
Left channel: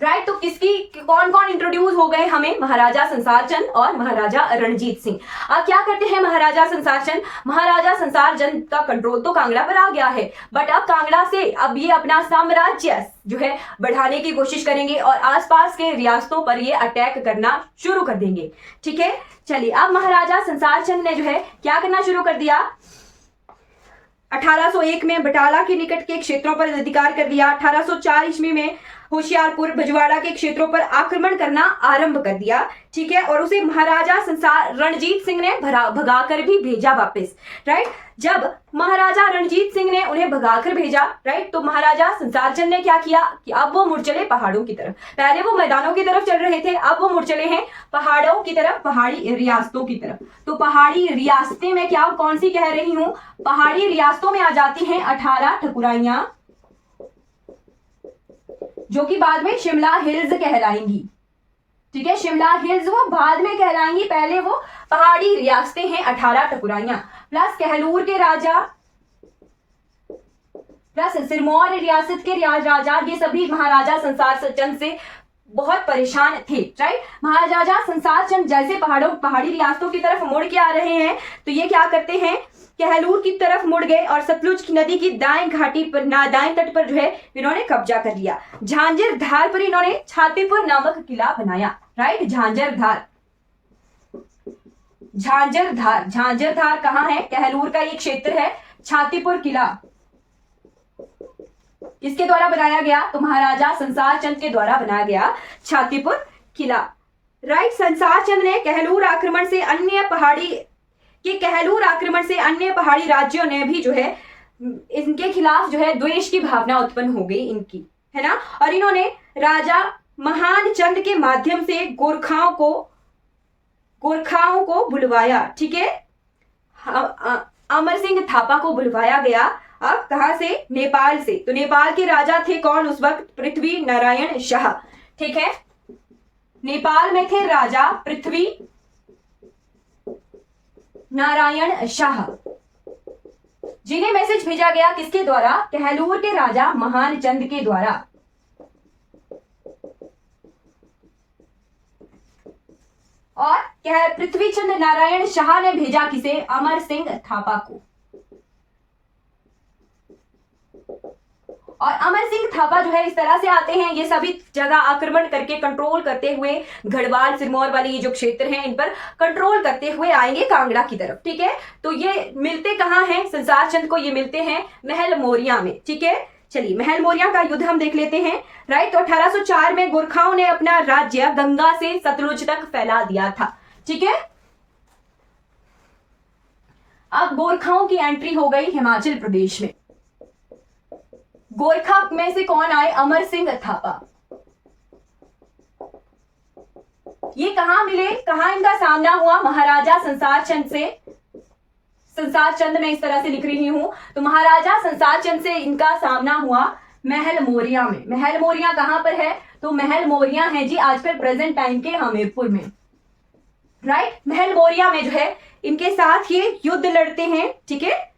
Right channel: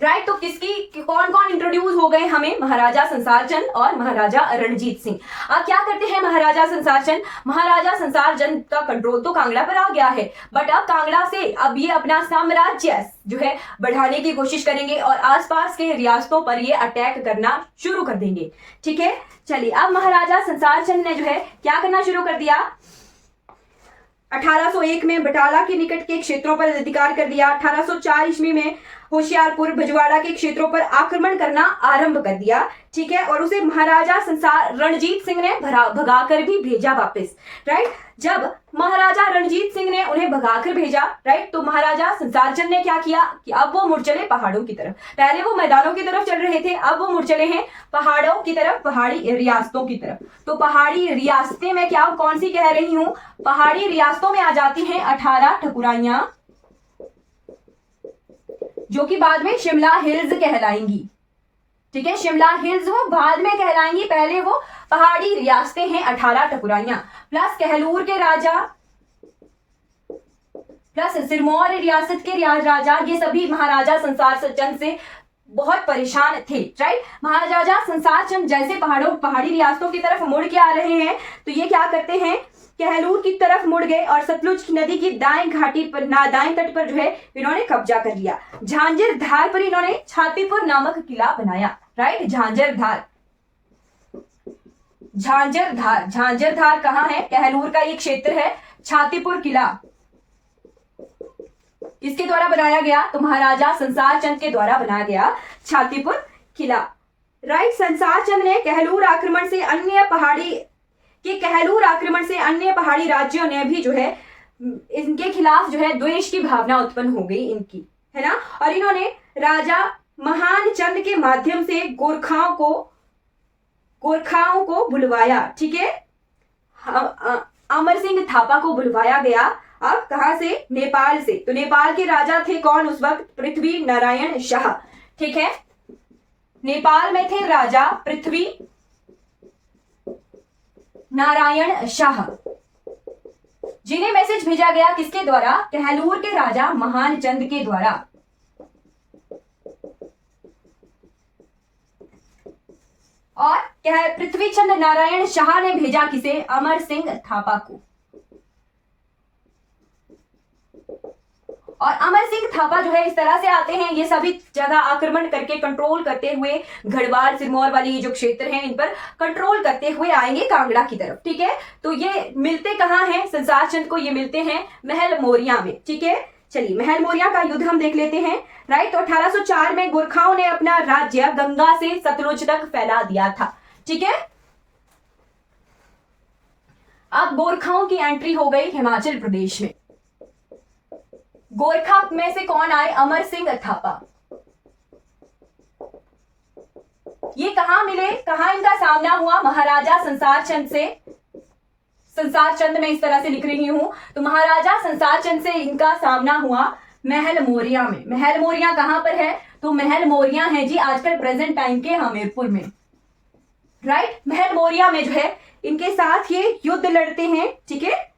राइट, तो किसकी कौन कौन इंट्रोड्यूस हो गए हमें? महाराजा संसार चंद और महाराजा रणजीत सिंह। अब क्या करते हैं महाराजा संसार चंद? महाराजा संसार चंद का कंट्रोल तो कांगड़ा पर आ गया है, बट अब कांगड़ा से अब ये अपना साम्राज्य जो है बढ़ाने की कोशिश करेंगे और आसपास के रियासतों पर ये अटैक करना शुरू कर देंगे। ठीक है, चलिए अब महाराजा संसार चंद ने जो है क्या करना शुरू कर दिया? 1801 में बटाला के निकट के क्षेत्रों पर अधिकार कर दिया। 1804 ईस्वी में होशियारपुर भजवाड़ा के क्षेत्रों पर आक्रमण करना आरंभ कर दिया। ठीक है, और उसे महाराजा संसार रणजीत सिंह ने भगाकर भी भेजा वापस। राइट, जब महाराजा रणजीत सिंह ने उन्हें भगाकर भेजा, राइट, तो महाराजा संसार चंद ने क्या किया कि अब वो मुड़ चले पहाड़ों की तरफ। पहले वो मैदानों की तरफ चल रहे थे, अब वो मुड़ चले हैं पहाड़ों की तरफ, पहाड़ी रियासतों की तरफ। तो पहाड़ी रियासतें मैं क्या कौन सी कह रही हूं? पहाड़ी रियासतों में आ जाती हैं 18 ठकुराइयां, जो कि बाद में शिमला हिल्स कहलाएंगी। ठीक है, शिमला हिल्स वो बाद में कहलाएंगी, पहले वो पहाड़ी रियासतें हैं 18 ठकुराइयां, प्लस कहलूर के राजा, प्लस सिरमौर रियासत के राजा, ये सभी महाराजा संसार चंद से बहुत परेशान थे। राइट, महाराजा संसार चंद जैसे पहाड़ी रियासतों की तरफ मुड़ के आ रहे हैं, तो ये क्या करते हैं? कहलूर की तरफ मुड़ गए और सतलुज नदी की दाएं घाटी पर दाएं तट पर जो है इन्होंने कब्जा कर लिया। झांझर धार पर इन्होंने छातीपुर नामक किला बनाया। राइट, झांझर धार कहाँ है? कहलूर का एक क्षेत्र है। छातीपुर किला किसके द्वारा बनाया गया? तो महाराजा संसार चंद के द्वारा बनाया गया छातीपुर किला। राइट, संसार चंद ने कहलूर आक्रमण से अन्य पहाड़ी राज्यों ने भी जो है इनके खिलाफ जो है द्वेष की भावना उत्पन्न हो गई इनकी, है ना। और इन्होंने राजा महान चंद के माध्यम से गोरखाओं को बुलवाया। ठीक है, अमर सिंह थापा को बुलवाया गया। अब कहां से? नेपाल से। तो नेपाल के राजा थे कौन उस वक्त? पृथ्वी नारायण शाह। ठीक है, नेपाल में थे राजा पृथ्वी नारायण शाह, जिन्हें मैसेज भेजा गया किसके द्वारा? कहलूर के राजा महान चंद के द्वारा। और पृथ्वीचंद नारायण शाह ने भेजा किसे? अमर सिंह थापा को। और अमर सिंह थापा जो है इस तरह से आते हैं, ये सभी जगह आक्रमण करके कंट्रोल करते हुए गढ़वाल सिरमौर वाली ये जो क्षेत्र हैं इन पर कंट्रोल करते हुए आएंगे कांगड़ा की तरफ। ठीक है, तो ये मिलते कहाँ हैं संसार चंद को? ये मिलते हैं महल मौर्य में। ठीक है, चलिए महल मौर्य का युद्ध हम देख लेते हैं। राइट, तो 1804 में गोरखाओं ने अपना राज्य गंगा से सतलुज तक फैला दिया था। ठीक है, अब गोरखाओं की एंट्री हो गई हिमाचल प्रदेश में। गोरखा में से कौन आए? अमर सिंह थापा। ये कहां मिले, कहां इनका सामना हुआ? महाराजा संसार चंद से। संसार चंद मैं इस तरह से लिख रही हूं, तो महाराजा संसार चंद से इनका सामना हुआ महल मौर्य में। महल मौर्य कहां पर है? तो महल मौर्य है जी आजकल प्रेजेंट टाइम के हमीरपुर में। राइट, महल मौर्य में जो है इनके साथ ये युद्ध लड़ते हैं। ठीक है,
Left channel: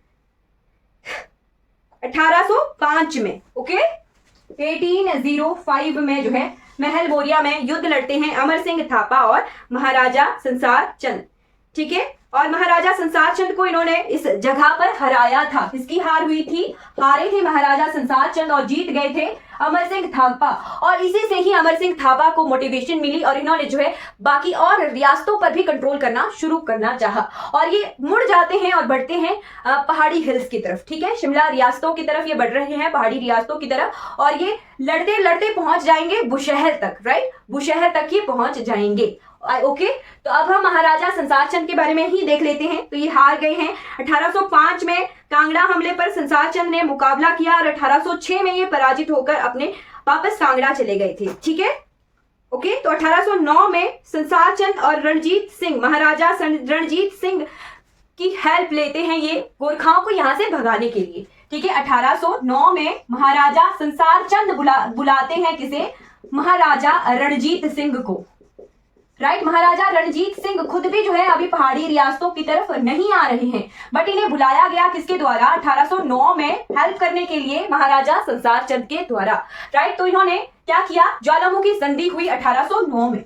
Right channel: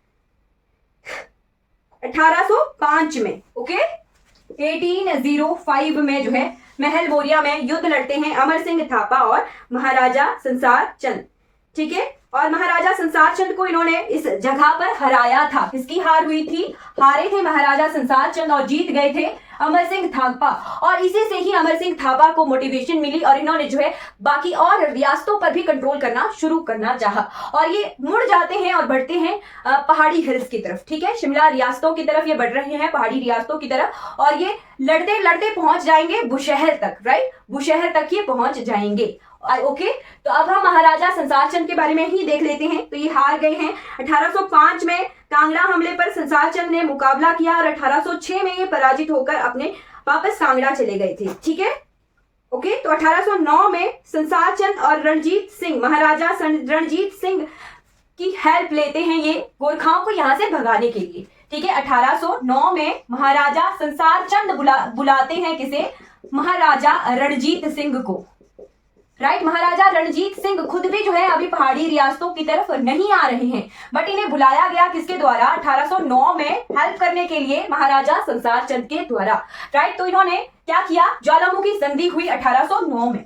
1805 में। ओके, 1805 में जो है महल मौर्य में युद्ध लड़ते हैं अमर सिंह थापा और महाराजा संसार चंद। ठीक है, और महाराजा संसार चंद को इन्होंने इस जगह पर हराया था। किसकी हार हुई थी? हारे थे महाराजा संसार चंद और जीत गए थे अमर सिंह थापा। और इसी से ही अमर सिंह थापा को मोटिवेशन मिली और इन्होंने जो है बाकी और रियासतों पर भी कंट्रोल करना शुरू करना चाहा। और ये मुड़ जाते हैं और बढ़ते हैं पहाड़ी हिल्स की तरफ, ठीक है, शिमला रियासतों की तरफ ये बढ़ रहे हैं, पहाड़ी रियासतों की तरफ। और ये लड़ते लड़ते पहुंच जाएंगे बुशहर तक, राइट, बुशहर तक ये पहुंच जाएंगे। ओके, तो अब हम महाराजा संसार चंद के बारे में ही देख लेते हैं। तो ये हार गए हैं। 1805 में कांगड़ा हमले पर संसार चंद ने मुकाबला किया और 1806 में ये पराजित होकर अपने वापस कांगड़ा चले गए थे, ठीक है। ओके, तो 1809 में संसार चंद और रणजीत सिंह, महाराजा रणजीत सिंह की हेल्प लेते हैं ये गोरखाओं को यहां से भगाने के लिए, ठीक है। 1809 में महाराजा संसार चंद बुलाते हैं किसे? महाराजा रणजीत सिंह को, राइट। महाराजा रणजीत सिंह खुद भी जो है अभी पहाड़ी रियासतों की तरफ नहीं आ रहे हैं, बट इन्हें बुलाया गया किसके द्वारा? 1809 में हेल्प करने के लिए महाराजा संसार चंद के द्वारा, राइट। तो इन्होंने क्या किया? ज्वालामुखी संधि हुई 1809 में।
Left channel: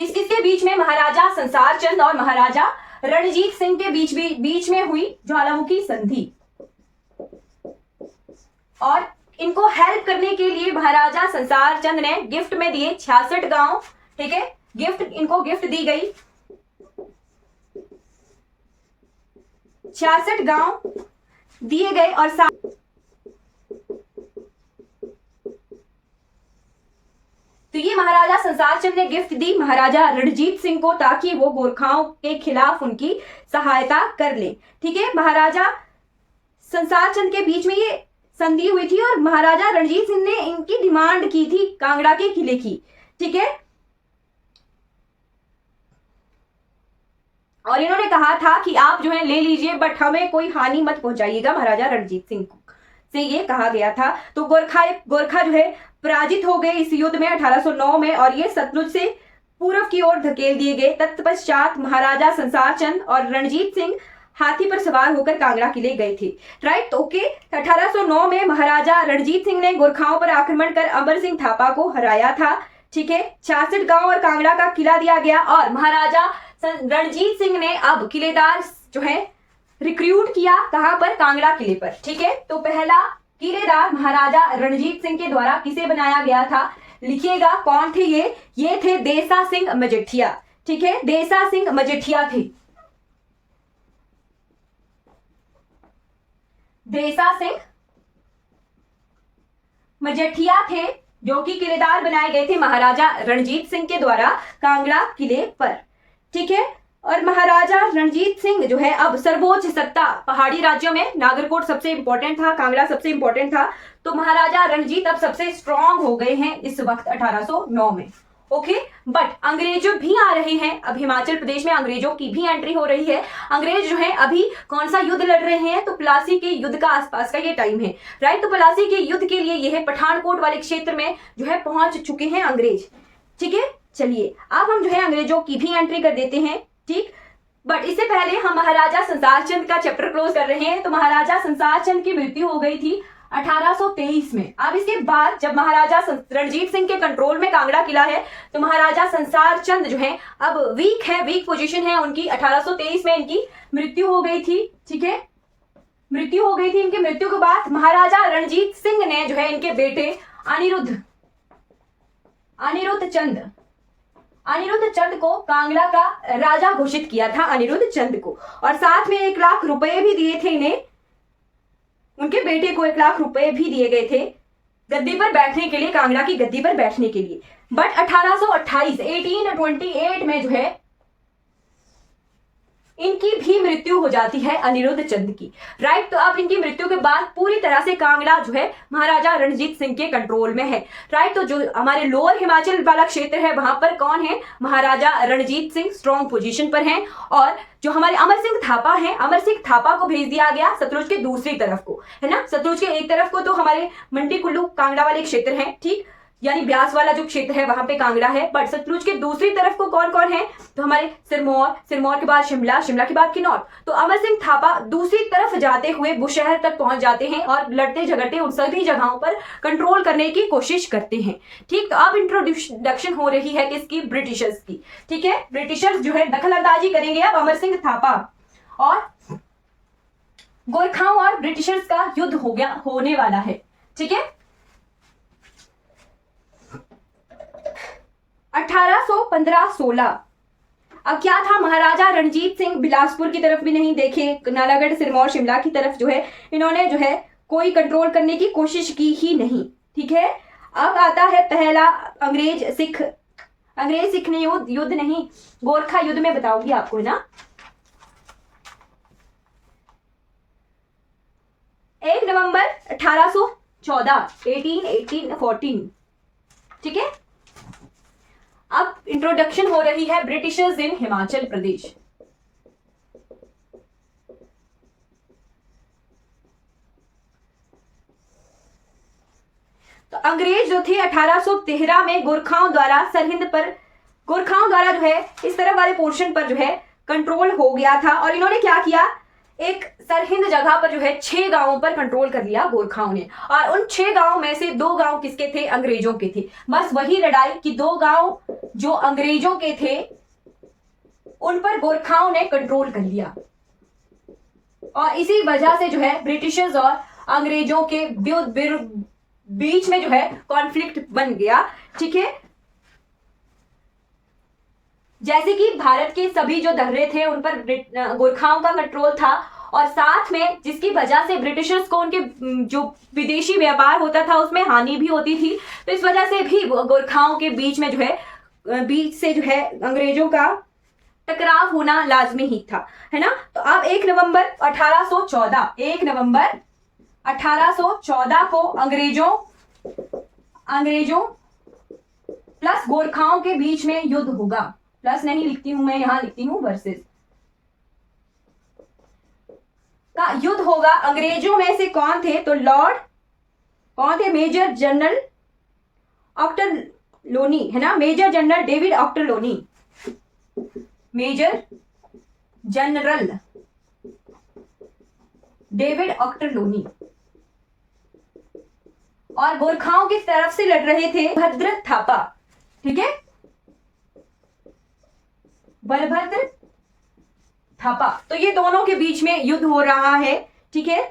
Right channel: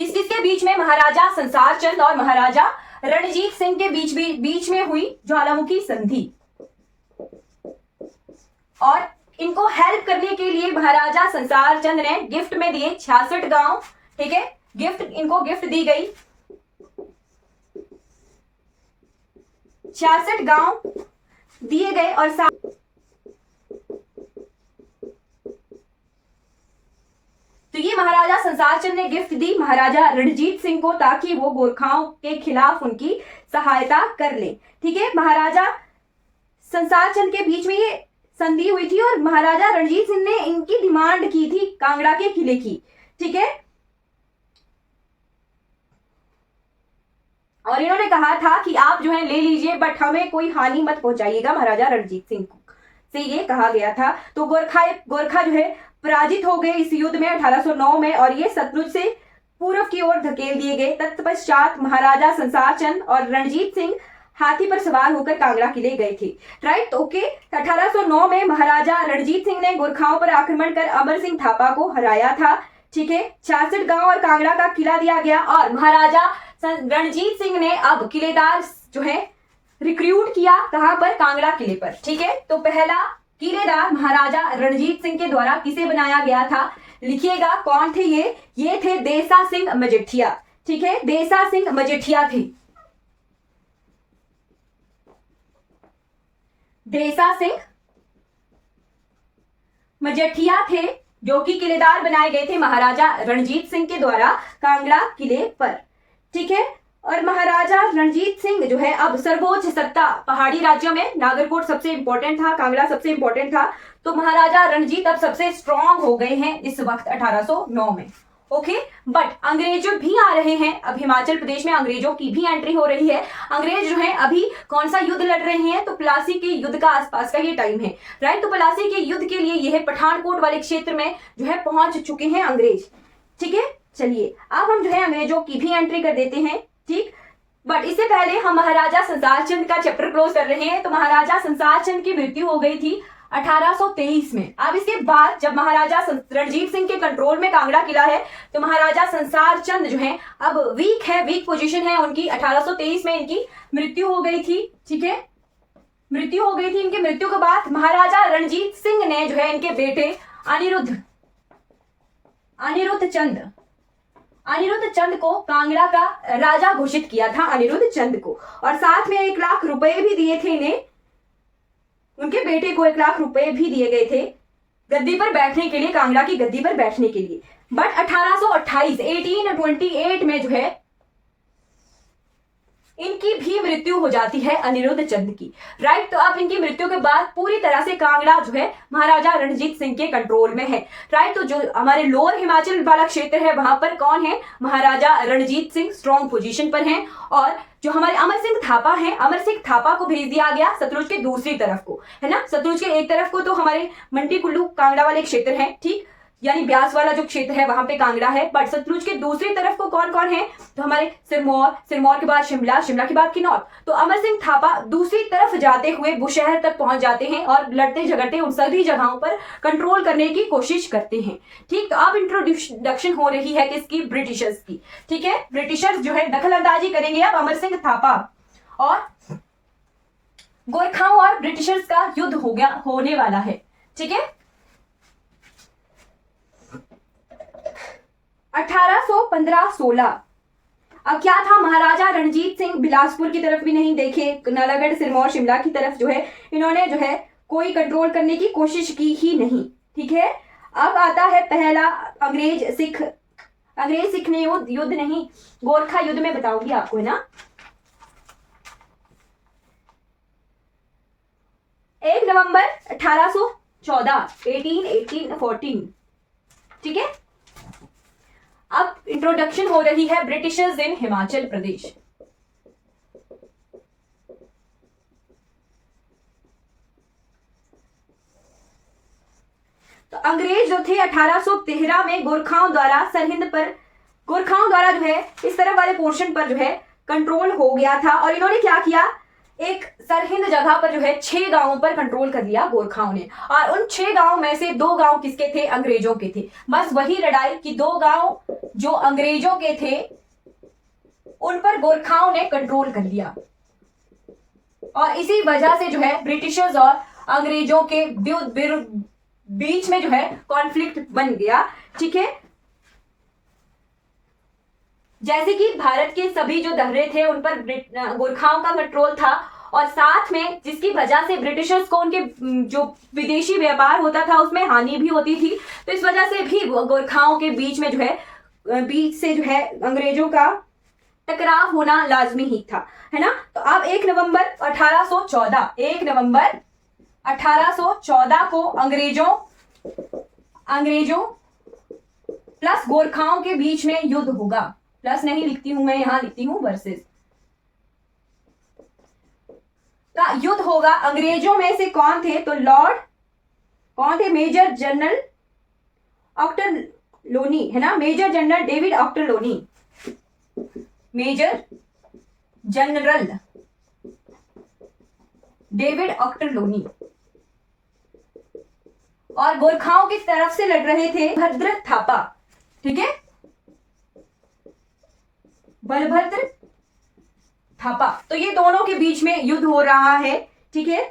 किस किसके बीच में? महाराजा संसार चंद और महाराजा रणजीत सिंह के बीच में हुई ज्वालामुखी संधि। और इनको हेल्प करने के लिए महाराजा संसार चंद ने गिफ्ट में दिए 66 गांव, ठीक है, इनको गिफ्ट दी गई 66 गांव दिए गए। और तो ये महाराजा संसार चंद ने गिफ्ट दी महाराजा रणजीत सिंह को ताकि वो गोरखाओं के खिलाफ उनकी सहायता कर ले, ठीक है। महाराजा संसार चंद के बीच में ये संधि हुई थी और महाराजा रणजीत सिंह ने इनकी डिमांड की थी कांगड़ा के किले की, ठीक है। और इन्होंने कहा था कि आप जो है ले लीजिए, बट हमें कोई हानि मत पहुंचाइएगा, महाराजा रणजीत सिंह से ये कहा गया था। तो गोरखा जो है पराजित हो गए इस युद्ध में 1809 में और ये सतलुज से पूर्व की ओर धकेल दिए गए। तत्पश्चात महाराजा संसार चंद और रणजीत सिंह हाथी पर सवार होकर कांगड़ा किले गए थे, राइट। तो ओके, 1809 में महाराजा रणजीत सिंह ने गोरखाओं पर आक्रमण कर अमर सिंह थापा को हराया था, ठीक है। 66 गांव और कांगड़ा का किला दिया गया और महाराजा रणजीत सिंह ने अब किलेदार जो है रिक्रूट किया, कहां पर? कांगड़ा किले पर, ठीक है। तो पहला किलेदार महाराजा रणजीत सिंह के द्वारा किसे बनाया गया था? लिखिएगा कौन थे ये थे देसा सिंह मजेठिया, ठीक है, देसा सिंह मजेठिया थे। देसा सिंह मजेठिया थे जो कि किलेदार बनाए गए थे महाराजा रणजीत सिंह के द्वारा कांगड़ा किले पर, ठीक है। और महाराजा रणजीत सिंह जो है अब सर्वोच्च सत्ता पहाड़ी राज्यों में, नागरकोट सबसे इंपॉर्टेंट था, कांगड़ा सबसे इंपॉर्टेंट था, तो महाराजा रणजीत अब सबसे स्ट्रांग हो गए हैं इस वक्त 1809 में, ओके। बट अंग्रेजों भी आ रहे हैं, अब हिमाचल प्रदेश में अंग्रेजों की भी एंट्री हो रही है। अंग्रेज जो है अभी कौन सा युद्ध लड़ रहे हैं? तो प्लासी के युद्ध का आसपास का ये टाइम है, राइट। तो प्लासी के युद्ध के लिए यह पठानकोट वाले क्षेत्र में जो है पहुंच चुके हैं अंग्रेज, ठीक है। चलिए अब हम जो है अंग्रेजों की भी एंट्री कर देते हैं, ठीक। बट इससे पहले हम महाराजा संसार चंद का चैप्टर क्लोज कर रहे हैं। तो महाराजा संसार चंद की मृत्यु हो गई थी 1823 में। अब इसके बाद जब महाराजा रणजीत सिंह के कंट्रोल में कांगड़ा किला है तो महाराजा संसार चंद जो है अब वीक पोजीशन है उनकी। 1823 में इनकी मृत्यु हो गई थी, ठीक है, मृत्यु हो गई थी। इनकी मृत्यु के बाद महाराजा रणजीत सिंह ने जो है इनके बेटे अनिरुद्ध चंद को कांगड़ा का राजा घोषित किया था, अनिरुद्ध चंद को, और साथ में 1 लाख रुपए भी दिए थे इन्हें, उनके बेटे को 1 लाख रुपए भी दिए गए थे गद्दी पर बैठने के लिए, कांगड़ा की गद्दी पर बैठने के लिए। बट 1828 में जो है इनकी भी मृत्यु हो जाती है अनिरुद्ध चंद की, राइट। तो अब इनकी मृत्यु के बाद पूरी तरह से कांगड़ा जो है महाराजा रणजीत सिंह के कंट्रोल में है, राइट। तो जो हमारे लोअर हिमाचल वाला क्षेत्र है वहां पर कौन है? महाराजा रणजीत सिंह स्ट्रॉन्ग पोजीशन पर हैं। और जो हमारे अमर सिंह थापा हैं, अमर सिंह थापा को भेज दिया गया सतलुज के दूसरी तरफ को, है ना। सतलुज के एक तरफ को तो हमारे मंडी कुल्लू कांगड़ा वाले क्षेत्र हैं, ठीक। यानी ब्यास वाला जो क्षेत्र है वहां पे कांगड़ा है। बट सतलुज के दूसरी तरफ को कौन कौन है, तो हमारे सिरमौर, सिरमौर के बाद शिमला, शिमला के बाद किन्नौर। तो अमर सिंह थापा दूसरी तरफ जाते हुए बुशहर तक पहुंच जाते हैं और लड़ते झगड़ते उन सभी जगहों पर कंट्रोल करने की कोशिश करते हैं। ठीक, तो अब इंट्रोडक्शन हो रही है किसकी, ब्रिटिशर्स की। ठीक है, ब्रिटिशर्स जो है दखल अंदाजी करेंगे अब अमर सिंह थापा, और गोरखाओं और ब्रिटिशर्स का युद्ध होने वाला है। ठीक है, 1815-16। अब क्या था, महाराजा रणजीत सिंह बिलासपुर की तरफ भी नहीं देखे, नालागढ़, सिरमौर, शिमला की तरफ जो है इन्होंने जो है कोई कंट्रोल करने की कोशिश की ही नहीं। ठीक है, अब आता है पहला अंग्रेज सिख ने युद्ध नहीं, गोरखा युद्ध में बताऊंगी आपको, है ना। 1 नवंबर 1814, 1814। ठीक है, अब इंट्रोडक्शन हो रही है ब्रिटिशर्स इन हिमाचल प्रदेश। तो अंग्रेज जो थे 1813 में गोरखाओं द्वारा सरहिंद पर, गोरखाओं द्वारा जो है इस तरफ वाले पोर्शन पर जो है कंट्रोल हो गया था, और इन्होंने क्या किया, एक सरहिंद जगह पर जो है 6 गांवों पर कंट्रोल कर लिया गोरखाओं ने, और उन 6 गांवों में से 2 गांव किसके थे, अंग्रेजों के थे। बस वही लड़ाई कि 2 गांव जो अंग्रेजों के थे उन पर गोरखाओं ने कंट्रोल कर लिया, और इसी वजह से जो है ब्रिटिशर्स और अंग्रेजों के बीच में जो है कॉन्फ्लिक्ट बन गया। ठीक है, जैसे कि भारत के सभी जो दर्रे थे उन पर गोरखाओं का कंट्रोल था, और साथ में जिसकी वजह से ब्रिटिशर्स को उनके जो विदेशी व्यापार होता था उसमें हानि भी होती थी। तो इस वजह से भी गोरखाओं के बीच में जो है अंग्रेजों का टकराव होना लाजमी ही था, है ना। तो अब 1 नवंबर 1814 को अंग्रेजों प्लस गोरखाओं के बीच में युद्ध होगा। प्लस नहीं लिखती हूं मैं, यहां लिखती हूं वर्सेस का युद्ध होगा। अंग्रेजों में से कौन थे, तो कौन थे, मेजर जनरल ऑक्टरलोनी, है ना, major general David Ochterlony, major general David Ochterlony. और गोरखाओं की तरफ से लड़ रहे थे भद्र थापा। ठीक है, बलभद्र थापा। तो ये दोनों के बीच में युद्ध हो रहा है। ठीक है,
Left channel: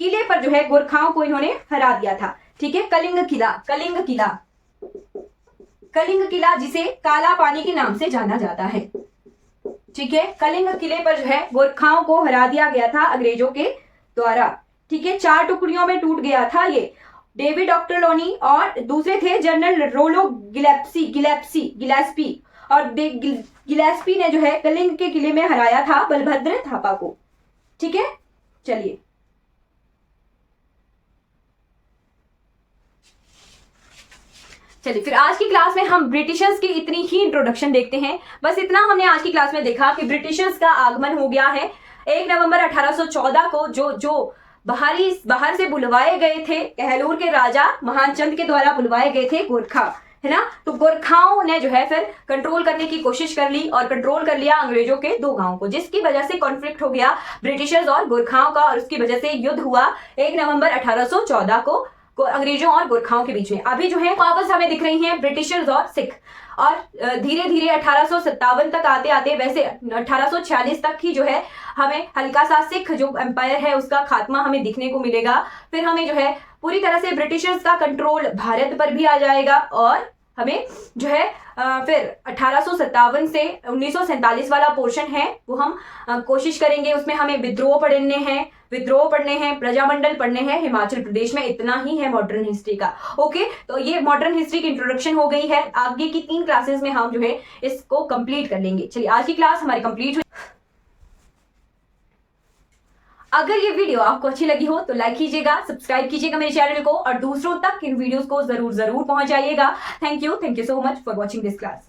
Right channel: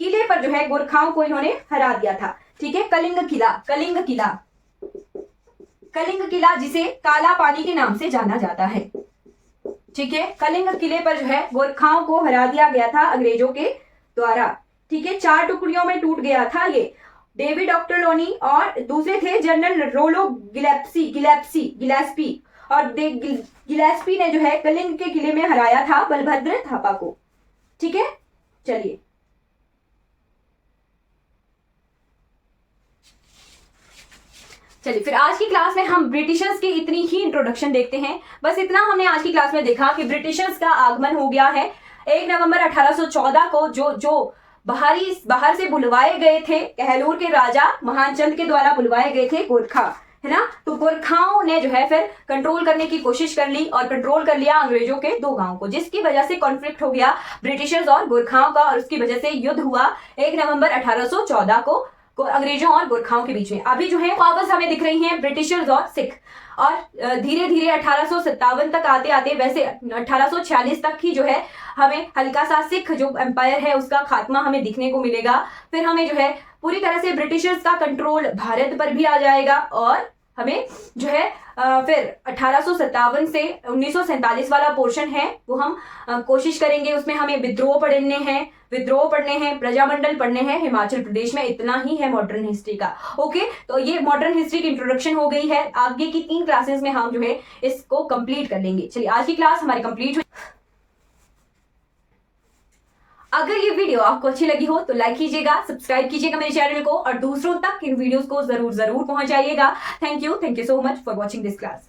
किले पर जो है गोरखाओं को इन्होंने हरा दिया था। ठीक है, कलिंग किला जिसे काला पानी के नाम से जाना जाता है। ठीक है, कलिंग किले पर जो है गोरखाओं को हरा दिया गया था अंग्रेजों के द्वारा। ठीक है, 4 टुकड़ियों में टूट गया था ये। डेविड ऑक्टरलोनी और दूसरे थे जनरल रोलो गिलेस्पी, और गिलेस्पी ने जो है कलिंग के किले में हराया था बलभद्र थापा को। ठीक है, चलिए फिर आज की क्लास में हम ब्रिटिशर्स की इतनी ही इंट्रोडक्शन देखते हैं। बस इतना हमने आज की क्लास में देखा कि ब्रिटिशर्स का आगमन हो गया है 1 नवंबर 1814 को, जो बाहर से बुलवाए गए थे, कहलूर के राजा महानचंद के द्वारा बुलवाए गए थे गोरखा, है ना। तो गोरखाओं ने जो है फिर कंट्रोल करने की कोशिश कर ली और कंट्रोल कर लिया अंग्रेजों के 2 गांवों को, जिसकी वजह से कॉन्फ्लिक्ट हो गया ब्रिटिशर्स और गोरखाओं का, और उसकी वजह से युद्ध हुआ 1 नवंबर 1814 को अंग्रेजों और गोरखाओं के बीच में। अभी जो है वापस हमें दिख रही हैं ब्रिटिशर्स और सिख, और धीरे धीरे 1857 तक आते आते, वैसे 1846 तक ही जो है हमें हल्का सा सिख जो एम्पायर है उसका खात्मा हमें दिखने को मिलेगा। फिर हमें जो है पूरी तरह से ब्रिटिशर्स का कंट्रोल भारत पर भी आ जाएगा, और हमें जो है फिर 1857 से 1947 वाला पोर्शन है वो हम कोशिश करेंगे, उसमें हमें विद्रोह पढ़ने हैं, प्रजामंडल पढ़ने हैं हिमाचल प्रदेश में। इतना ही है मॉडर्न हिस्ट्री का। ओके, तो ये मॉडर्न हिस्ट्री की इंट्रोडक्शन हो गई है। आगे की 3 क्लासेस में हम जो है इसको कंप्लीट कर लेंगे। चलिए, आज की क्लास हमारी कंप्लीट हुई। अगर ये वीडियो आपको अच्छी लगी हो तो लाइक कीजिएगा, सब्सक्राइब कीजिएगा मेरे चैनल को, और दूसरों तक इन वीडियोस को जरूर पहुंचाइएगा। Thank you so much for watching this class.